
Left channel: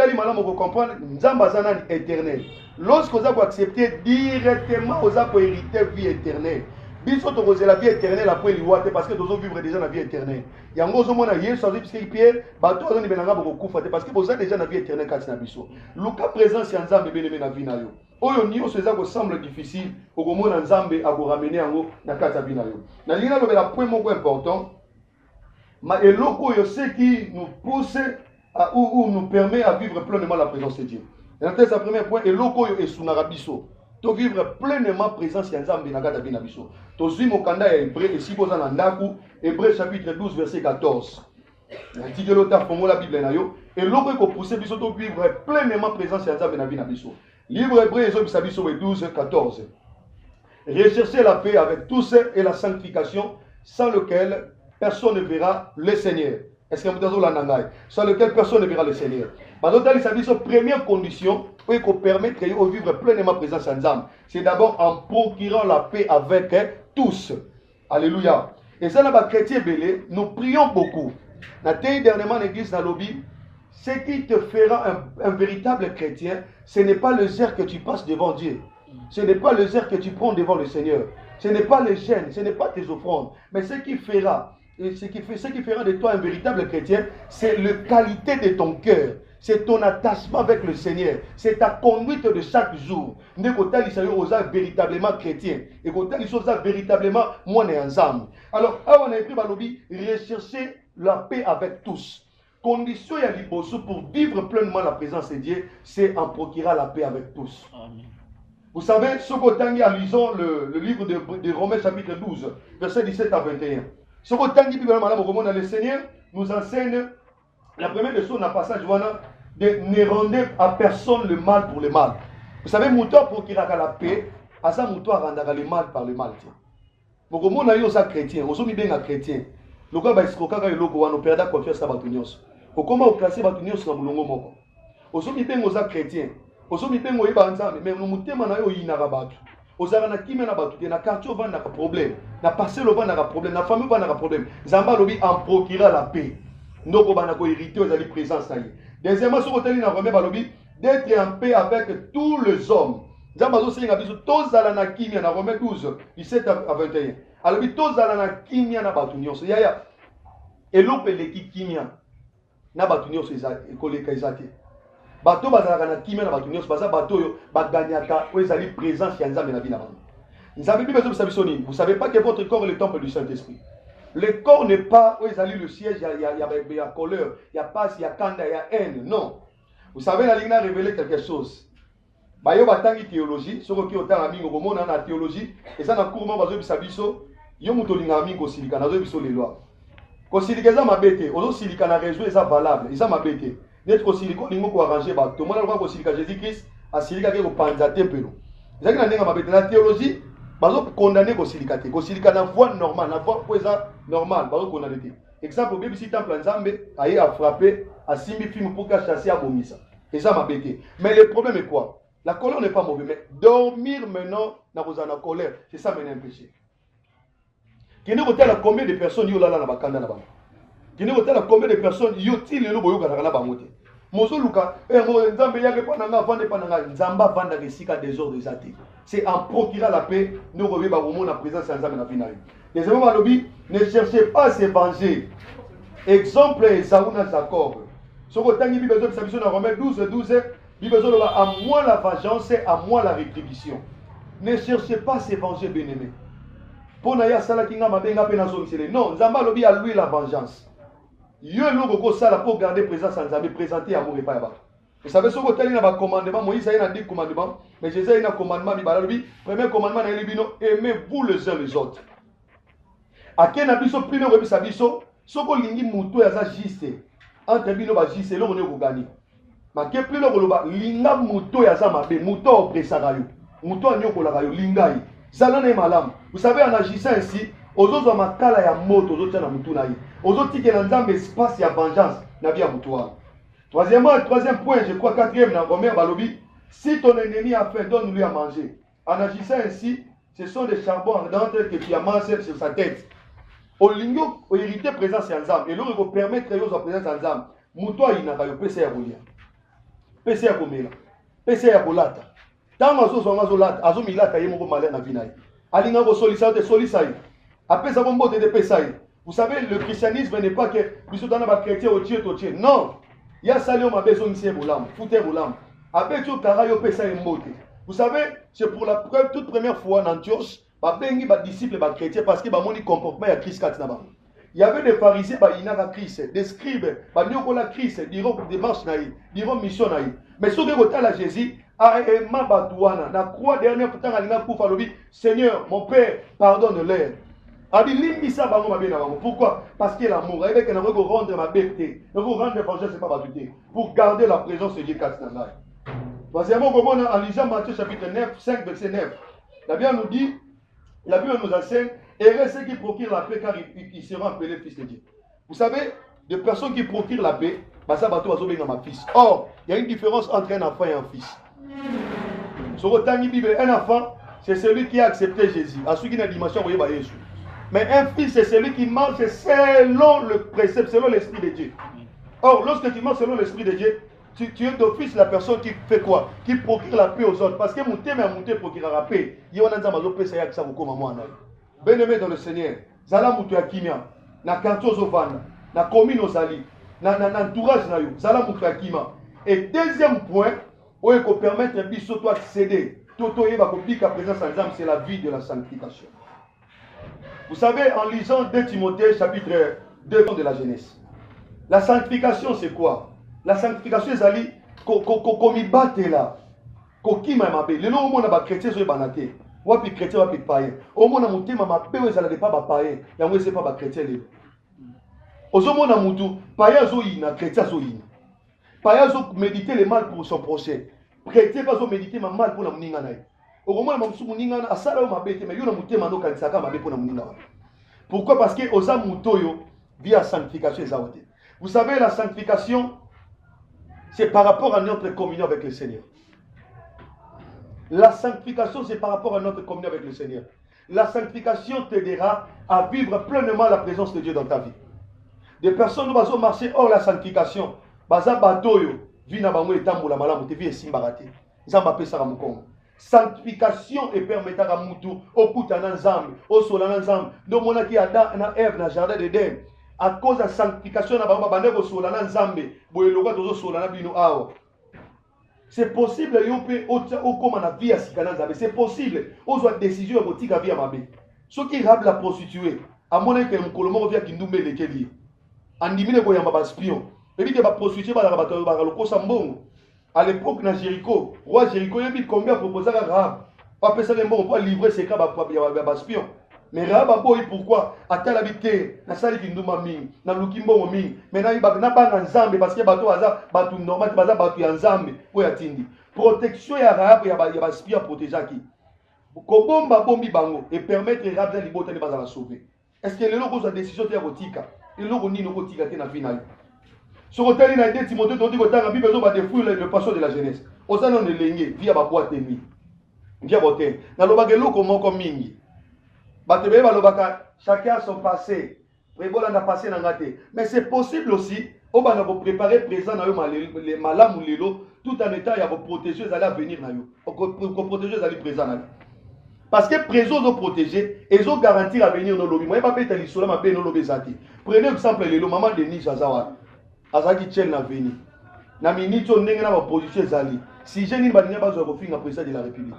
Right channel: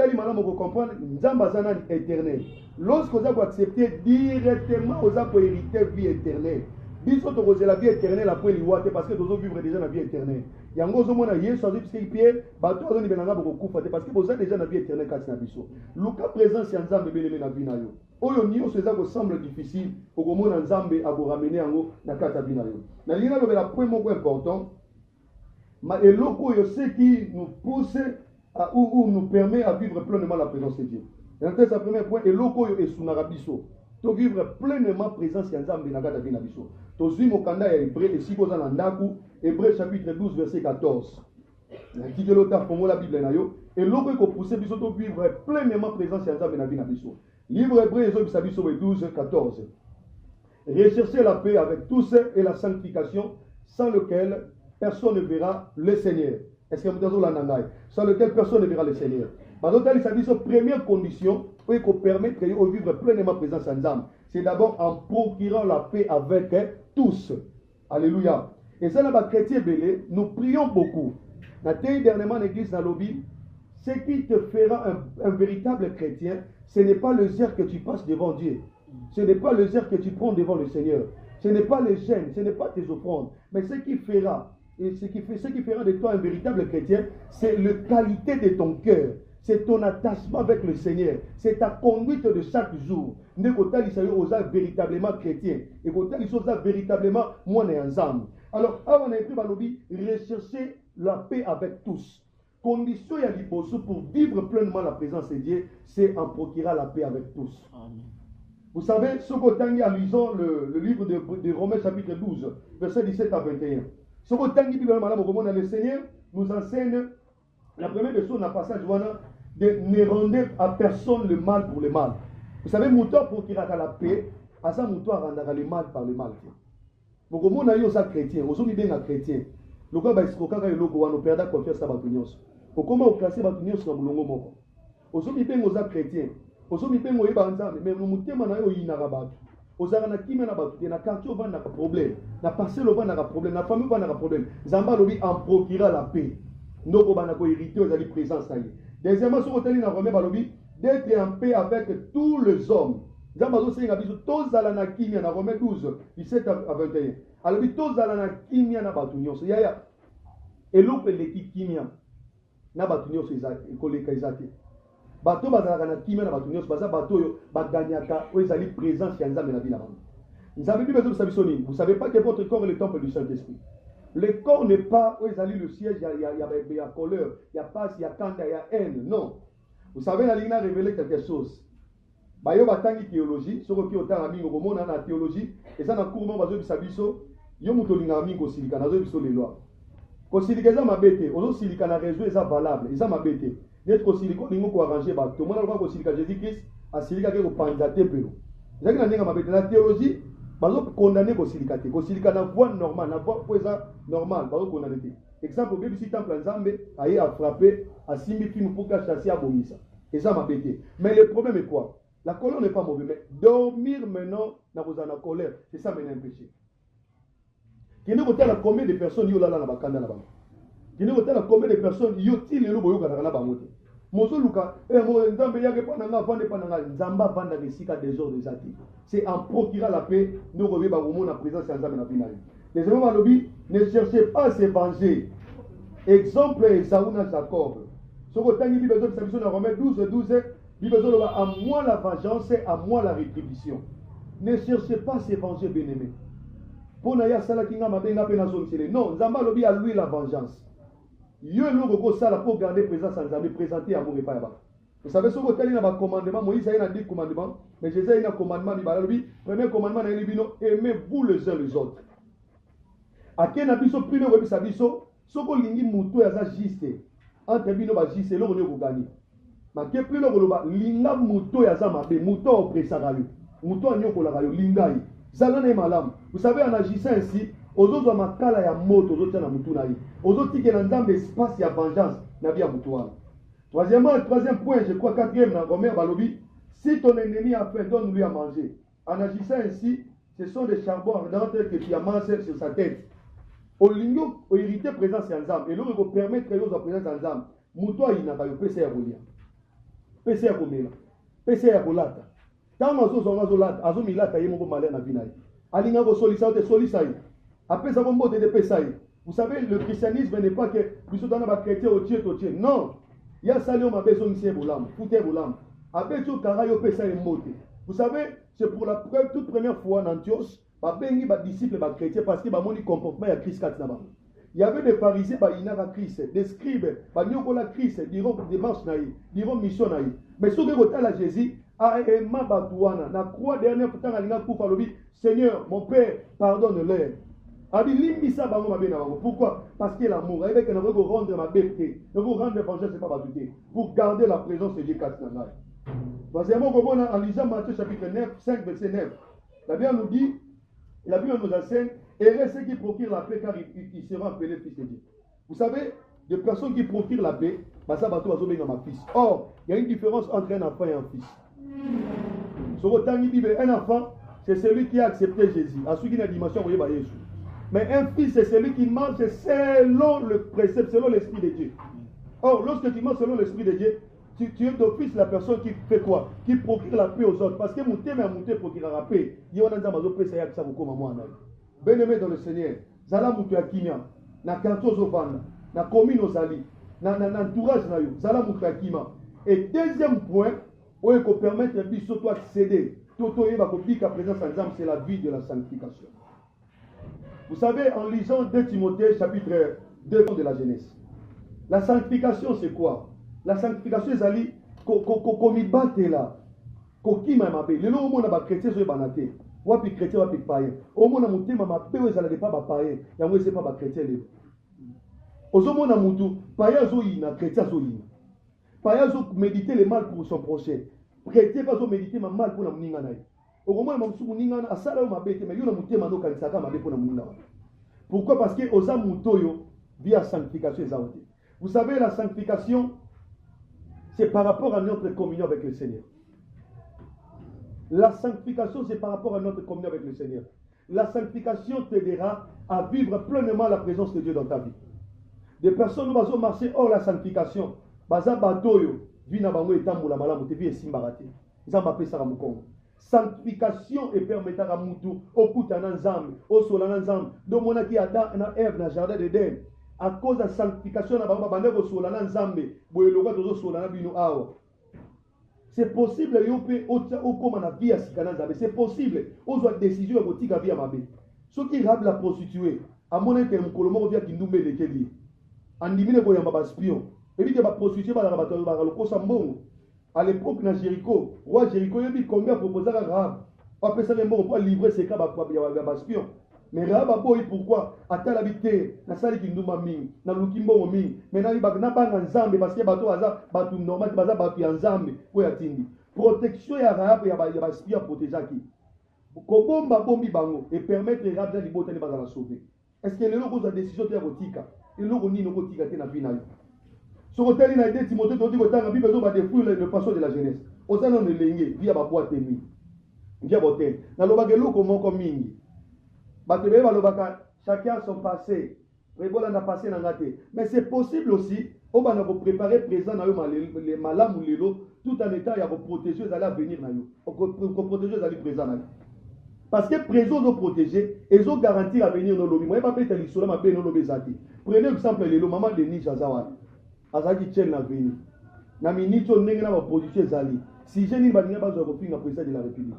comprendre, nous sommes éternel. Lorsque vous avez accepté directement, vous avez hérité vie éternelle. Biso to la vie éternelle après l'Iwate parce que nous vivre déjà la vie éternelle. Il y a un gros monde hier sur parce que Pierre bateau on est benanga beaucoup fate parce que vous avez déjà la vie éternelle quand na biso. Luka présence ya nzambe beleme na vie na yo. Oyo ni oseza ko semble difficile au komona nzambe a ko ramener yango na kati ya vie na yo. Na lina lo la point moko important. Ma eloko yo ce qui nous pousse à ou nous permet à vivre pleinement la présence de Dieu. Et dans ce premier point eloko yo esunara biso. To vivre pleinement présence ya nzambe na kati ya vie na biso. Tozui mokanda ya Hébreu et si vous en ndaku Hébreu chapitre 12 verset 14. L'antique l'auteur fongo la Bible na yo et l'autre ko pousser biso to vivre pleinement présence ya nzambe na vie na biso. Livre Hébreu ezo biso 12 14. Recherchez la paix avec tous et la sanctification sans lequel personne ne verra le Seigneur. Est-ce que vous avez la nangai? Sans lequel personne ne verra le Seigneur. Bazotali sa biso première condition pour permettre de vivre pleinement présence en Nzambe, c'est d'abord en procurant la paix avec tous. Alléluia. Et ça, là, chrétien belé, nous prions beaucoup. La dernièrement, l'église dans lobby, ce qui te fera un véritable chrétien, ce n'est pas le zèle que tu passes devant Dieu. Ce n'est pas le zèle que tu prends devant le Seigneur. Ce n'est pas les chaînes, ce n'est pas tes offrandes. Mais ce qui fera, ce qui fera de toi un véritable chrétien, c'est la qualité de ton cœur. C'est ton attachement avec le Seigneur. C'est ta conduite de chaque jour. Ne côté il s'agit véritablement chrétien. Et côté il s'agit véritablement moi et ensemble. Alors, on a pris Balobi, rechercher la paix avec tous. Condition et liboso pour vivre pleinement la présence de Dieu, c'est en procurer la paix avec tous. Amen. Vous savez, ce qu'Otangi a lisant le livre de Romains chapitre 12, verset 17 à 21. Ce qu'Otangi, le Seigneur nous enseigne. La première leçon dans le passage, de ne rendre à personne le mal pour le mal. Vous savez, mouton pour qu'il ait la paix, à ça mouton rendra le mal par le mal. Donc, au monde, il y a des chrétiens, on est bien chrétien. Le gars, il y a perdu confiance à Batunios. Au comment on place Batunios dans le monde. On est bien aux chrétiens. On est bien aux chrétiens, mais nous sommes bien aux chrétiens. Ozara na kimia na batu na quartier va na problème na passé le va na problème na famille va na problème zamba lobi en procurer la paix. Ndoko bana ko hériter aux ali présence na ye. Deuxièmement sur hôtel na Romain balobi d'être en paix avec tous les hommes. Zamba zo singa biso tozala na kimia na Romain 12 17 à 21. Alobi tozala na kimia na batu nyonso yaya eloko eleki kimia na batu nyonso ekoleka ezate. Bato bazalaka na kimia na bato nyonso baza bato oyo baganyaka oyo ezali présence ya nzambe na vie na bango. Nzambe bible ezobisa biso nini? Vous savez pas que votre corps est le temple du Saint-Esprit. Le corps n'est pas oyo ezali le siège il y a colère, il y a passe, il y a kanda, il y a haine. Non. Vous savez la ligne a révélé quelque chose. Bayo batangi théologie, soko ki otanga mingo bomona na théologie, eza na courement bazobisa biso yo muto linga mingo silika na biso les lois. Ko silika za mabete, ozo silika na réseau eza valable, eza mabete. D'être kosiliko lingo ko arranger ba to mona ko silika Jésus-Christ asilika ke ko panza tempelo. Ezaki na ndenge mabete na théologie bazo condamner ko silika na voie normale, na voie poeza normale, bazo condamner te. Exemple bible si temple nzambe aye a frapper, a simbi film pour ka chasser abomisa. Et ça mabete. Mais le problème est quoi? La colère n'est pas mauvaise, mais dormir maintenant dans la colère, c'est ça maintenant un péché. Qui nous retient combien de personnes y ont là dans la bakanda là-bas? kini kotala combien de personnes yoti lelo boyoka na bango te mozoluka nzambe yake pa nanga vande pa nanga nzamba vanda resika désordre ezate c'est en procurant la paix nous revient ba komona présence ya nzambe na vie na yo deuxièmement balobi ne cherchez pas à se venger exemple ezauna Jacob soko tangi bible zo biso na Romains 12 bible zo à moi la vengeance à moi la rétribution ne cherchez pas à se venger bien-aimé pour na ya sala kinga mabenga pe na zo misele non nzamba lobi à lui la vengeance yo eloko kosala pour garder présence en Nzambe présenter amour et pas ya bato. Vous savez ce que tali na ba commandement Moïse a eu 10 commandements mais Jésus a eu un commandement bibala lobi premier commandement na libino aimez-vous les uns les autres. Akena biso premier rebisa biso soko lingi muto ya za juste entre bino ba juste eloko ne ko gagner. Ma ke plus le koloba linga muto ya za mabe muto opresaka yo muto anyokola yo linga yi zala na malamu. Vous savez en agissant ainsi ozozo makala ya moto ozotia na mutu na ye ozotike na nzambe espace ya vengeance na bia mutu wana. Troisième point, je crois quatrième dans Romains balobi, si ton ennemi a faim, donne-lui à manger. En agissant ainsi, ce sont des charbons ardents que tu amasses sur sa tête. Au lingo, au hérité présence en nzambe et l'autre ko permettre yo sa présence en nzambe. Mutu ayinaka yo pese ya kolia. Pese ya komela. Pese ya kolata. Tango azo lata, azo milata ye moko malin na vida ye. Alinga ko solisa te solisa ye. Apesa bombo de pesa ye. Vous savez, le christianisme n'est pas que biso dana ba chrétien au Dieu. Non. Il y a salé ma besoin ici boulam, fouté boulam. Après tout karayo pesa imbote. Vous savez, c'est pour la toute première fois en Antioche, ba bengi ba disciples ba chrétiens parce que ba moni comportement ya Christ kat na ba. Il y avait des pharisiens ba inaka Christ, des scribes, ba nyokola Christ, diront démarche na yi, diront mission na yi. Mais ce que kotala Jésus a ma batouana na croix dernière temps alina kufa lobi, Seigneur, mon Père, pardonne-leur. Pourquoi? Parce que l'amour, avec un rendre ma bêteté, rendre vengeance, c'est pas battuté. Pour garder la présence de Dieu. Troisièmement, en lisant Matthieu chapitre 9, 5, verset 9, la Bible nous dit, la Bible nous enseigne, heureux ceux qui procurent la paix car ils seront appelés fils de Dieu. Vous savez, des personnes qui procurent la paix, ça va tout à ma fils. Or, il y a une différence entre un enfant et un fils. Sur le temps Bible, un enfant, c'est celui qui a accepté Jésus. À celui qui a la dimension, vous voyez, Jésus. Mais un fils, c'est celui qui marche selon le précepte, selon l'Esprit de Dieu. Or, lorsque tu marches selon l'Esprit de Dieu, tu es d'office la personne qui fait quoi? Qui procure la paix aux autres. Parce que monter, mais monter procure la paix. Il y a un bien-aimé dans le Seigneur. Zala moutou ya kimia. Na kanto zovana. Na commune ozali. Na entourage na yo. Zala moutou ya kima. Et deuxième point, où il faut permettre un biso toi accéder. Toto yeba ko bika présence ensemble, c'est la vie de la sanctification. Vous savez, en lisant 2 Timothée, chapitre 2 de la Genèse, la sanctification, c'est quoi? La sanctification, c'est ali, comme il batte là, comme qui m'a mabé. Le nom où on a chrétien, c'est banaté. Ou puis chrétien, ou puis païen. Au moins, on a monté ma mabé, où ça n'est pas païen. Et on ne sait pas chrétien. Au moins, on a monté, païen, zoïna, chrétien, zoïna. Païen, méditer le mal pour son prochain. Chrétien, pas méditer le mal pour la mninga. Pourquoi? Parce que aux amutoyo via sanctification. Vous savez, la sanctification, c'est par rapport à notre communion avec le Seigneur. La sanctification, c'est par rapport à notre communion avec le Seigneur. La sanctification t'aidera à vivre pleinement la présence de Dieu dans ta vie. Des personnes qui vont marcher hors la sanctification, sanctification et permettre à Moutou, au Koutana Nzambe, au Solana Nzambe, de Monaki Adam, na Ève, na Jardin d'Éden. À cause de la sanctification, na Baba Bande, au Solana Nzambe, Boyeloga, au Solana Bino Ao. C'est possible, au comme la vie à Sikana Nzambe. C'est possible, aux autres décisions, au Tika Via Mabé. Ceux qui rabent la prostituée, à mon avis, un colomo via Kindoumbe de Kelly. En dimine, il y a un espion. Et puis, il y a une prostituée, il y a un Sambon. À l'époque, dans Jéricho, roi Jéricho, il y a combien proposé à Rahab. Après ça, on peut livrer ses cas à espion. Mais Rahab a beau, pourquoi? À tel habité, dans Sali Kindouma Ming, dans Lukimbo Ming, maintenant il n'y a pas d'ensemble parce que bateau hasard, bateau normal, bateau ensemble, pour atteindre. Protection à Rahab, il y a un espion protégé qui. Kobomba bombi bango et permettre Rahab de libérer les bases à sauver. Est-ce que le logo de décision de Rotika et le logo ni logo Tika na finale? Sur le terrain, il y a des Timothée qui ont dit que la Bible a défouillé le passage de la jeunesse. Au sein de l'engue, via ma boîte de nuit. Via votre terre. Dans le bagage, comme mingi. Chacun a son passé. Prévola n'a passé dans gâté. Mais c'est possible aussi, on va vous préparer présent dans le malam ou l'élo, tout en état, il y a vos protégés à venir dans yo. Vos protégés à présent dans yo. Parce que présent nous protéger, ils ont garanti à venir dans le lobby. Moi, je ne vais pas faire ma paix dans le lobby. Prenez exemple, le maman de Nice Azawa. Azaki tient la venir. Na minute on n'est pas en position zali. Si j'ai une bannière pas au fin président de la République.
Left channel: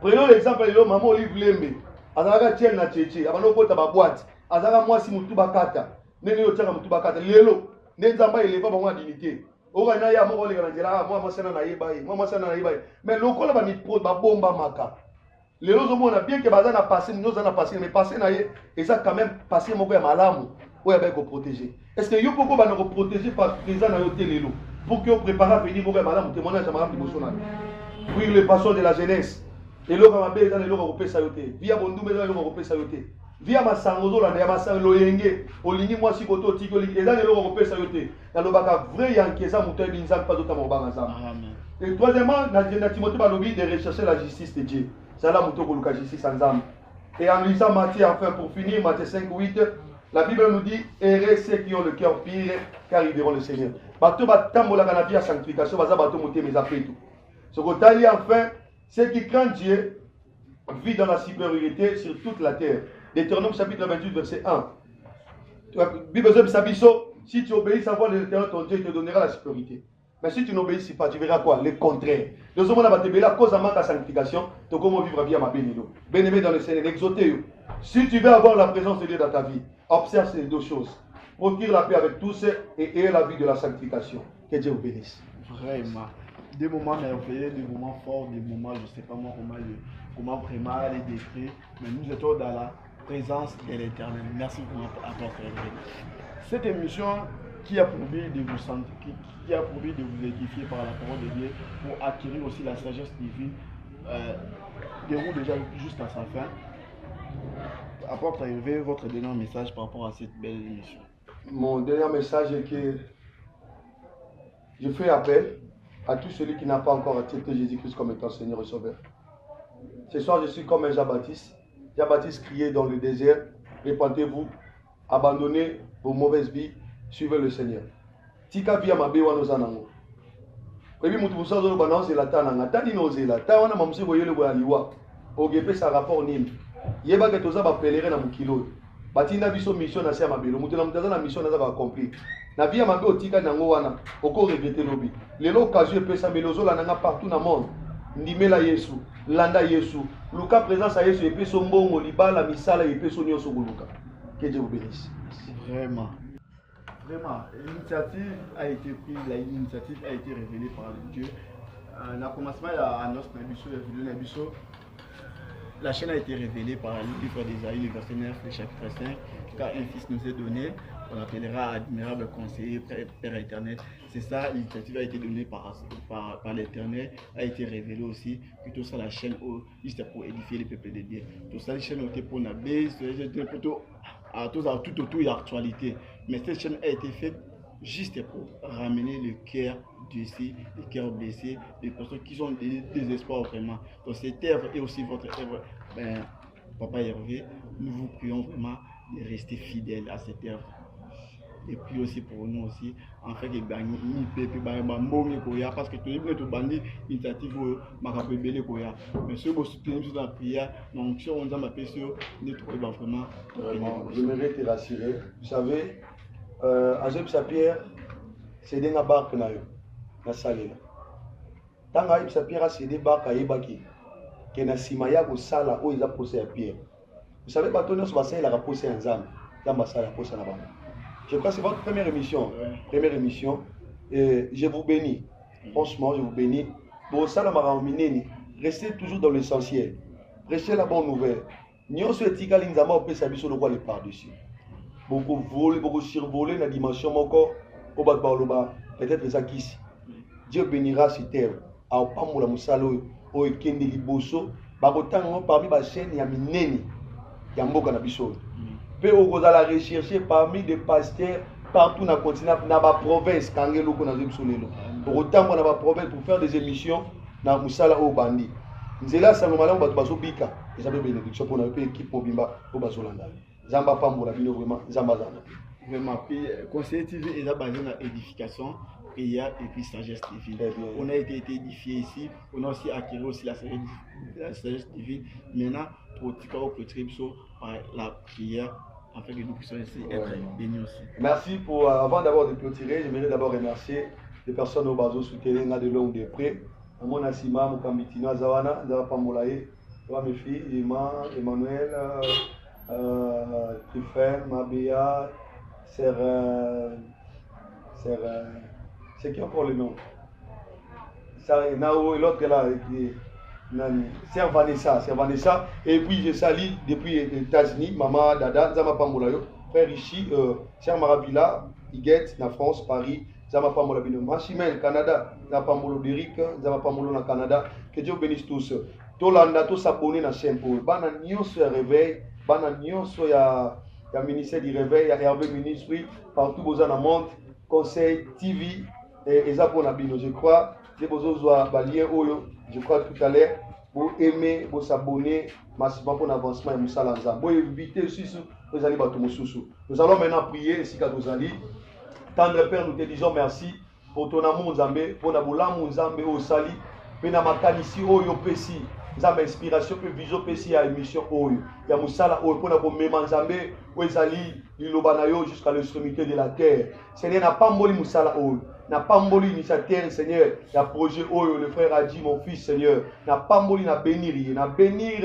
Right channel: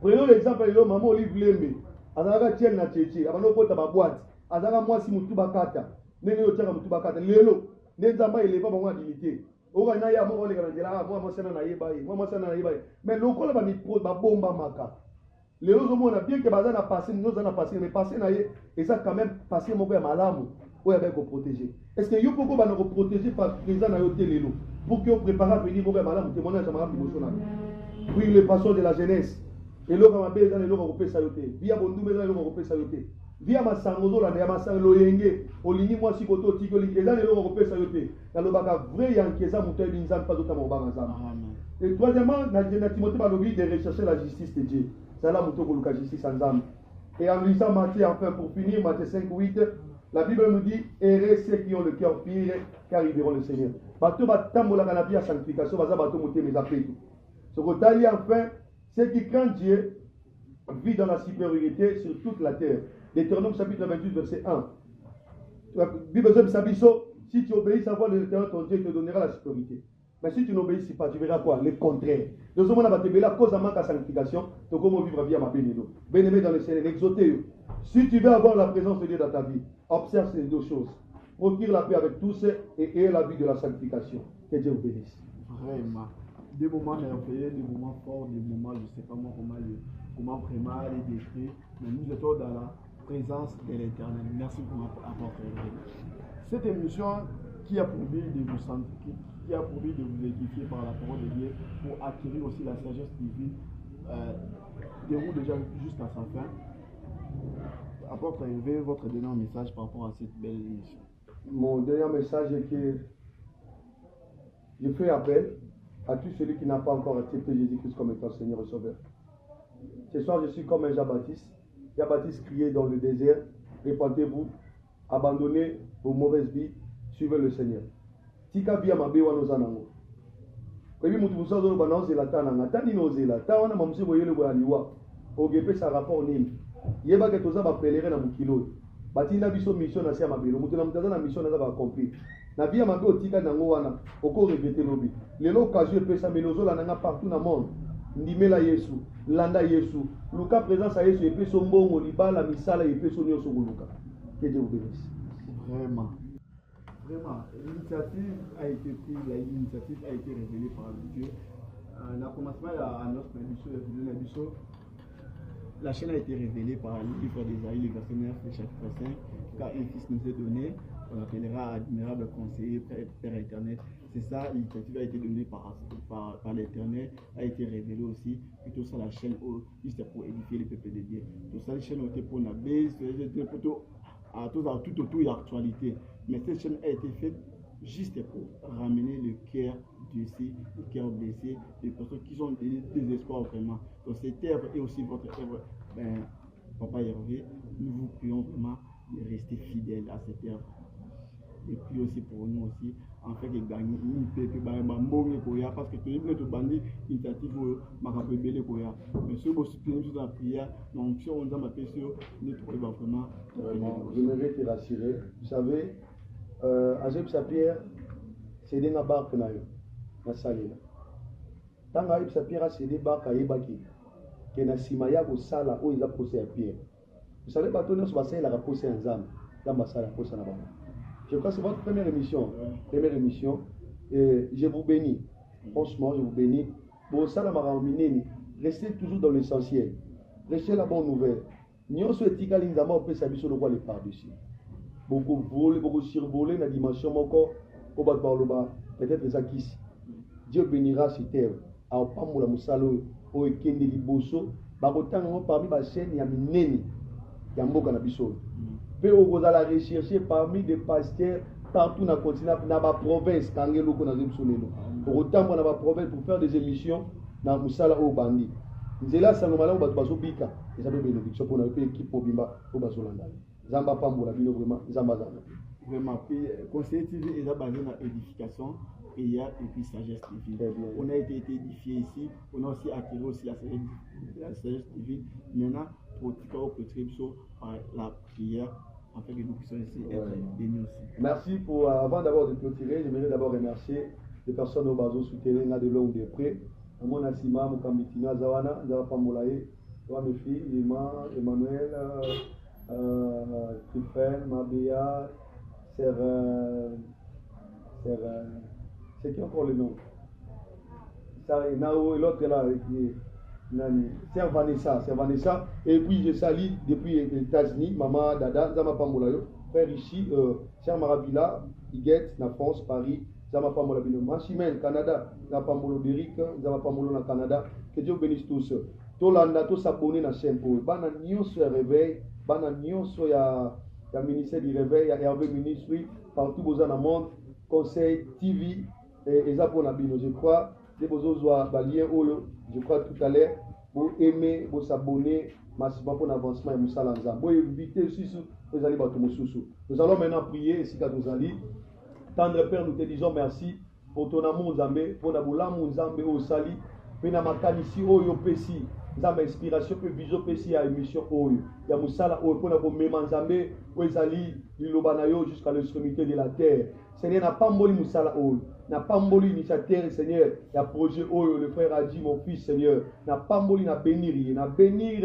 Prenons l'exemple de maman Olive Lembe. Azaka tient la tchétché. Avant de ta boîte. Azaka moi si mutu bakata. Nene yo tchéka mutu bakata. Lelo. Nenzamba il est pas bon à dignité. Orana ya mo le ganjela. Moi sana na yebaye. Moi sana na yebaye. Mais loko la ba mi pro ba bomba maka. Les autres on a bien que bazana passé, nous en a passé, mais passé na ye et ça quand même passé mon père malamu. Où est-ce qu'on protéger? Est-ce que yo pourquoi va nous protéger par présent dans hôtel l'élo pour que on prépare à venir au père malamu témoignage à madame Libossona. Oui, les passions de la jeunesse. Et l'eau va bien dans les lots européens sayoté. Via Bondou mais dans les lots européens sayoté. Via Massangozo là, des Massan Loyenge, Olini moi si koto tiko et dans les lots européens sayoté. Dans le baka vrai yankeza mouté binzam pas d'autres mobanga. Et troisièmement, na Timothée Balobi de rechercher la justice de Dieu. C'est là que justice ensemble. Et en lisant Matthieu, enfin pour finir, Matthieu 5, 8, la Bible nous dit errez ceux qui ont le cœur pire, car ils verront le Seigneur. Bateau batambola kana via sanctification, baza bateau moté mes appels tout. Ce que enfin, ceux qui craignent Dieu vivent dans la supériorité sur toute la terre. Deutéronome chapitre 28, verset 1. Bible Sabiso, si tu obéis à voix de l'Éternel, ton Dieu te donnera la supériorité. Mais si tu n'obéis pas, tu verras quoi? Le contraire. Nous sommes à te à cause de ma sanctification, tu comment vivre bien ma bénédiction. Bien-aimé dans le Seigneur, exauté. Si tu veux avoir la présence de Dieu dans ta vie, observe ces deux choses. Procure la paix avec tous et aie la vie de la sanctification. Que Dieu vous bénisse. Vraiment. Des moments merveilleux, des moments forts, des moments, je ne sais pas moi comment vraiment les décrire, mais nous étions dans la présence de l'Éternel. Merci pour apporter. Cette émission qui a pour but de vous sentir, qui a pour but de vous édifier par la parole de Dieu, pour acquérir aussi la sagesse divine, déroule déjà jusqu'à sa fin. Apporte à élever votre dernier message par rapport à cette belle émission. Mon dernier message est que je fais appel à tout celui qui n'a pas encore accepté Jésus-Christ comme étant Seigneur et Sauveur. Ce soir, je suis comme un Jean-Baptiste. Jean-Baptiste criait dans le désert, répentez-vous, abandonnez vos mauvaises vies, suivez le Seigneur. Tika via ma bewa no zanango. Ebi mutu busazo no bana ozela tananga tani no ozela ta wana mamse boyele bo aliwa. Ogepe sa rapport nini. Yeba ke toza ba pèlerin na mukilo. Batina biso mission na se mabelo mutu na mutaza na mission na za ba accomplir. Na via mabe otika nango wana oko regretter lobi. Lelo occasion pesa melozo la nanga partout na monde. Ndimela Yesu, landa Yesu. Luka présence à Yesu et peso mbongo libala misala et peso nyonso guluka. Que Dieu vous bénisse. Vraiment. Vraiment, l'initiative a été prise, l'initiative a été révélée par Dieu. Dans le commencement, à notre Nabiso, la chaîne a été révélée par le livre d'Ésaïe, le verset 9, le chapitre 5. Car un fils nous est donné, on appellera admirable conseiller, Père éternel. C'est ça, l'initiative a été donnée par l'Éternel, a été révélée aussi. Que tout ça, la chaîne, juste pour édifier le peuple de Dieu. Tout ça, la chaîne a été pour la base, plutôt tout autour de l'actualité. Mais cette chaîne a été faite juste pour ramener le cœur blessé, le cœur blessé, des personnes qui ont des espoirs vraiment. Donc cette œuvre est aussi votre œuvre. Papa Hervé, nous vous prions vraiment de rester fidèles à cette œuvre. Et puis aussi pour nous aussi, en fait, parce que tout le monde bandit initiative mais ceux qui soutenir la prière, donc si on a ma question, nous trouvons vraiment. J'aimerais te rassurer. Vous savez, Azeb Sapir, c'est des barques na salé. Tant Azeb Sapir, c'est des barques à Ebaki. Qui na simaya ko sala où ils a posé à pierre. Vous savez, bâtonneau sur bassin, il a posé un zam. Dans bassin, il a posé là-bas. Je crois que c'est votre première émission. Première émission. Et je vous bénis. Franchement, je vous bénis. Bon, ça, restez toujours dans l'essentiel. Restez la bonne nouvelle. Nous sommes éthiques, nous avons fait ça le par-dessus. Beaucoup voler, beaucoup survoler la dimension encore. Peut-être ça qui Dieu bénira cette terre. A Pamoula Moussalo, au Kendi Liboso, Bagotan, parmi les chaînes, il y a Mineni, Yamboka Nabiso. Peu au la rechercher parmi des pasteurs partout dans le continent, dans la province, quand il y a pour autant, on a la province pour faire des émissions dans Moussala au Bandi. C'est là, ça nous m'a dit, on va se bika. Et ça veut bénédiction pour notre équipe pour Bimba, au Basolanda. Zamba Pambola, vraiment, Zamba Zana. Vraiment, puis Conseiller TV est basé dans l'édification, prière et puis sagesse divine. On a été édifié ici, on a aussi acquis aussi la sagesse divine. Maintenant, pour par la prière, afin que nous puissions ici être bénis aussi. Merci pour, avant d'abord de clôturer, j'aimerais d'abord remercier les personnes au bateau soutenues de long ou de près. Mon Assima, mon Kambitino, Zawana, Zara Pamolaye, mes filles, Emmanuel, Tiffen, Mabea, c'est qui encore le nom? Nao et l'autre là, c'est Vanessa. Et puis je salue depuis les États-Unis, Maman, Dada, Zama Pamolayo, frère Rishi, Cher Marabila, Iguette, na France, Paris, Zama Pamolabino, Machimel, Canada, Zama Pamolo Deric, Zama Pamolo na Canada, que Dieu bénisse tous. Tolanda, tous s'abonner na chaîne pour Bana Nyonso ya réveil, Bana Nyonso ya ministère du réveil, ya Hervé Ministry, partout vous en monde, Conseil TV, et Zapon Abino, je crois, je crois tout à l'heure, vous aimez, vous s'abonner, massivement pour l'avancement et Moussalanza. Vous évitez aussi, vous allez battre Moussoussou. Nous allons maintenant prier, ici qu'à vous allez. Tendre Père, nous te disons merci pour ton amour, Zambé, pour l'amour, Zambé, au Sali, pour la makanisi, Oyo Pessi. Nous avons inspiration que vision Pessi à émission Oyo. Il y a Moussala Oyo, pour la méman Zambé, Oezali, l'Ilobanayo jusqu'à l'extrémité de la terre. Seigneur, n'a pas moli Moussala Oyo. N'a pas moli l'initiateur, Seigneur. Il y a projet Oyo, le frère Adi, mon fils, Seigneur. N'a pas moli, n'a bénir,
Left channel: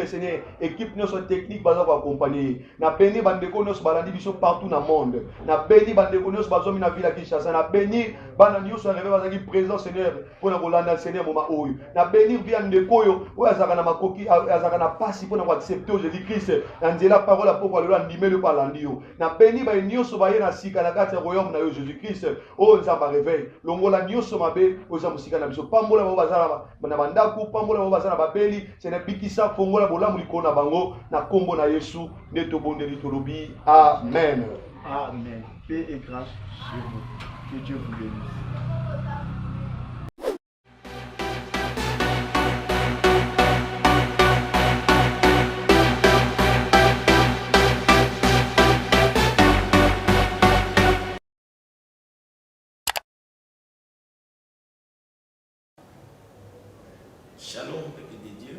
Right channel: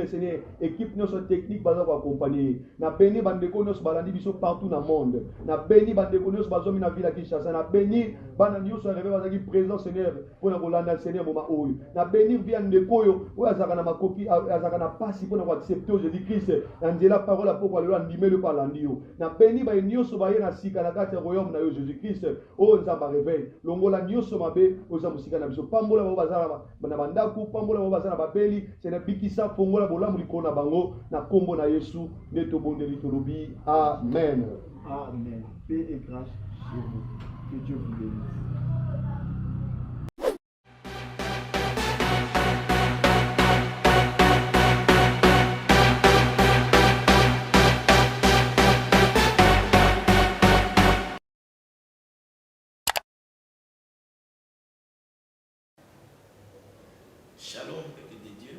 Seigneur. Équipe notre technique, va accompagner. N'a béni, bandeko, nos balandi, biso partout dans le monde. N'a béni, bandeko, nos bazomi, na ville à Kinshasa. N'a béni, bandani, soit arrivé, va dire présent, Seigneur, pour la Rolanda, Seigneur, mon Oyo. N'a béni, via Ndekoyo, ou Azakana Makoki, Azakana Passi, pour nous accepter Jésus-Christ. N'a dit la parole à pourquoi le animé le palandio. N'a béni, ba nyoso ba yena sika na kati ya royaume na yo Jésus-Christ. Oh, nzamba réveil. Longola nyoso mabe, oza musika na biso. Pambola bo bazala na mandaku, pambola bo bazala babeli, c'est na bikisa fongola bola muliko na bango na kombo na Yesu, neto bondeli tolobi. Amen. Amen. Paix et grâce sur vous. Que Dieu vous bénisse. Shalom, peuple de Dieu,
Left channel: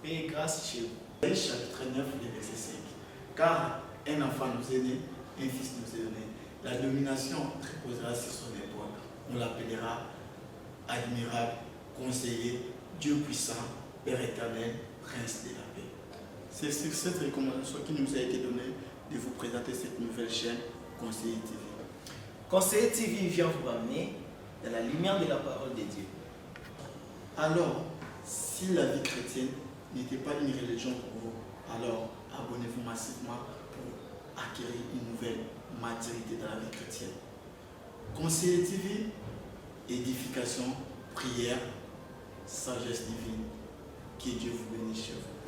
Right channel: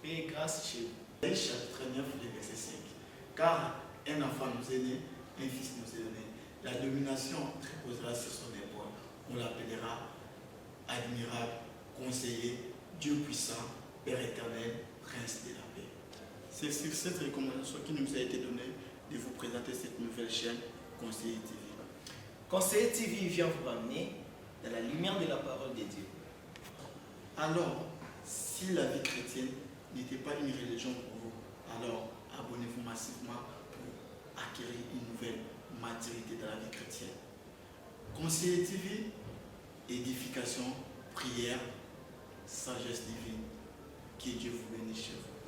paix et grâce chez vous. Chapitre 9, le verset 5. Car un enfant nous est né, un fils nous est donné. La domination reposera sur son épaule. On l'appellera admirable, conseiller, Dieu puissant, Père éternel, Prince de la paix. C'est sur cette recommandation qui nous a été donnée de vous présenter cette nouvelle chaîne, Conseiller TV. Conseiller TV vient vous ramener dans la lumière de la parole de Dieu. Alors, si la vie chrétienne n'était pas une religion pour vous, alors abonnez-vous massivement pour acquérir une nouvelle maturité dans la vie chrétienne. Conseiller TV, édification, prière, sagesse divine. Que Dieu vous bénisse chez vous.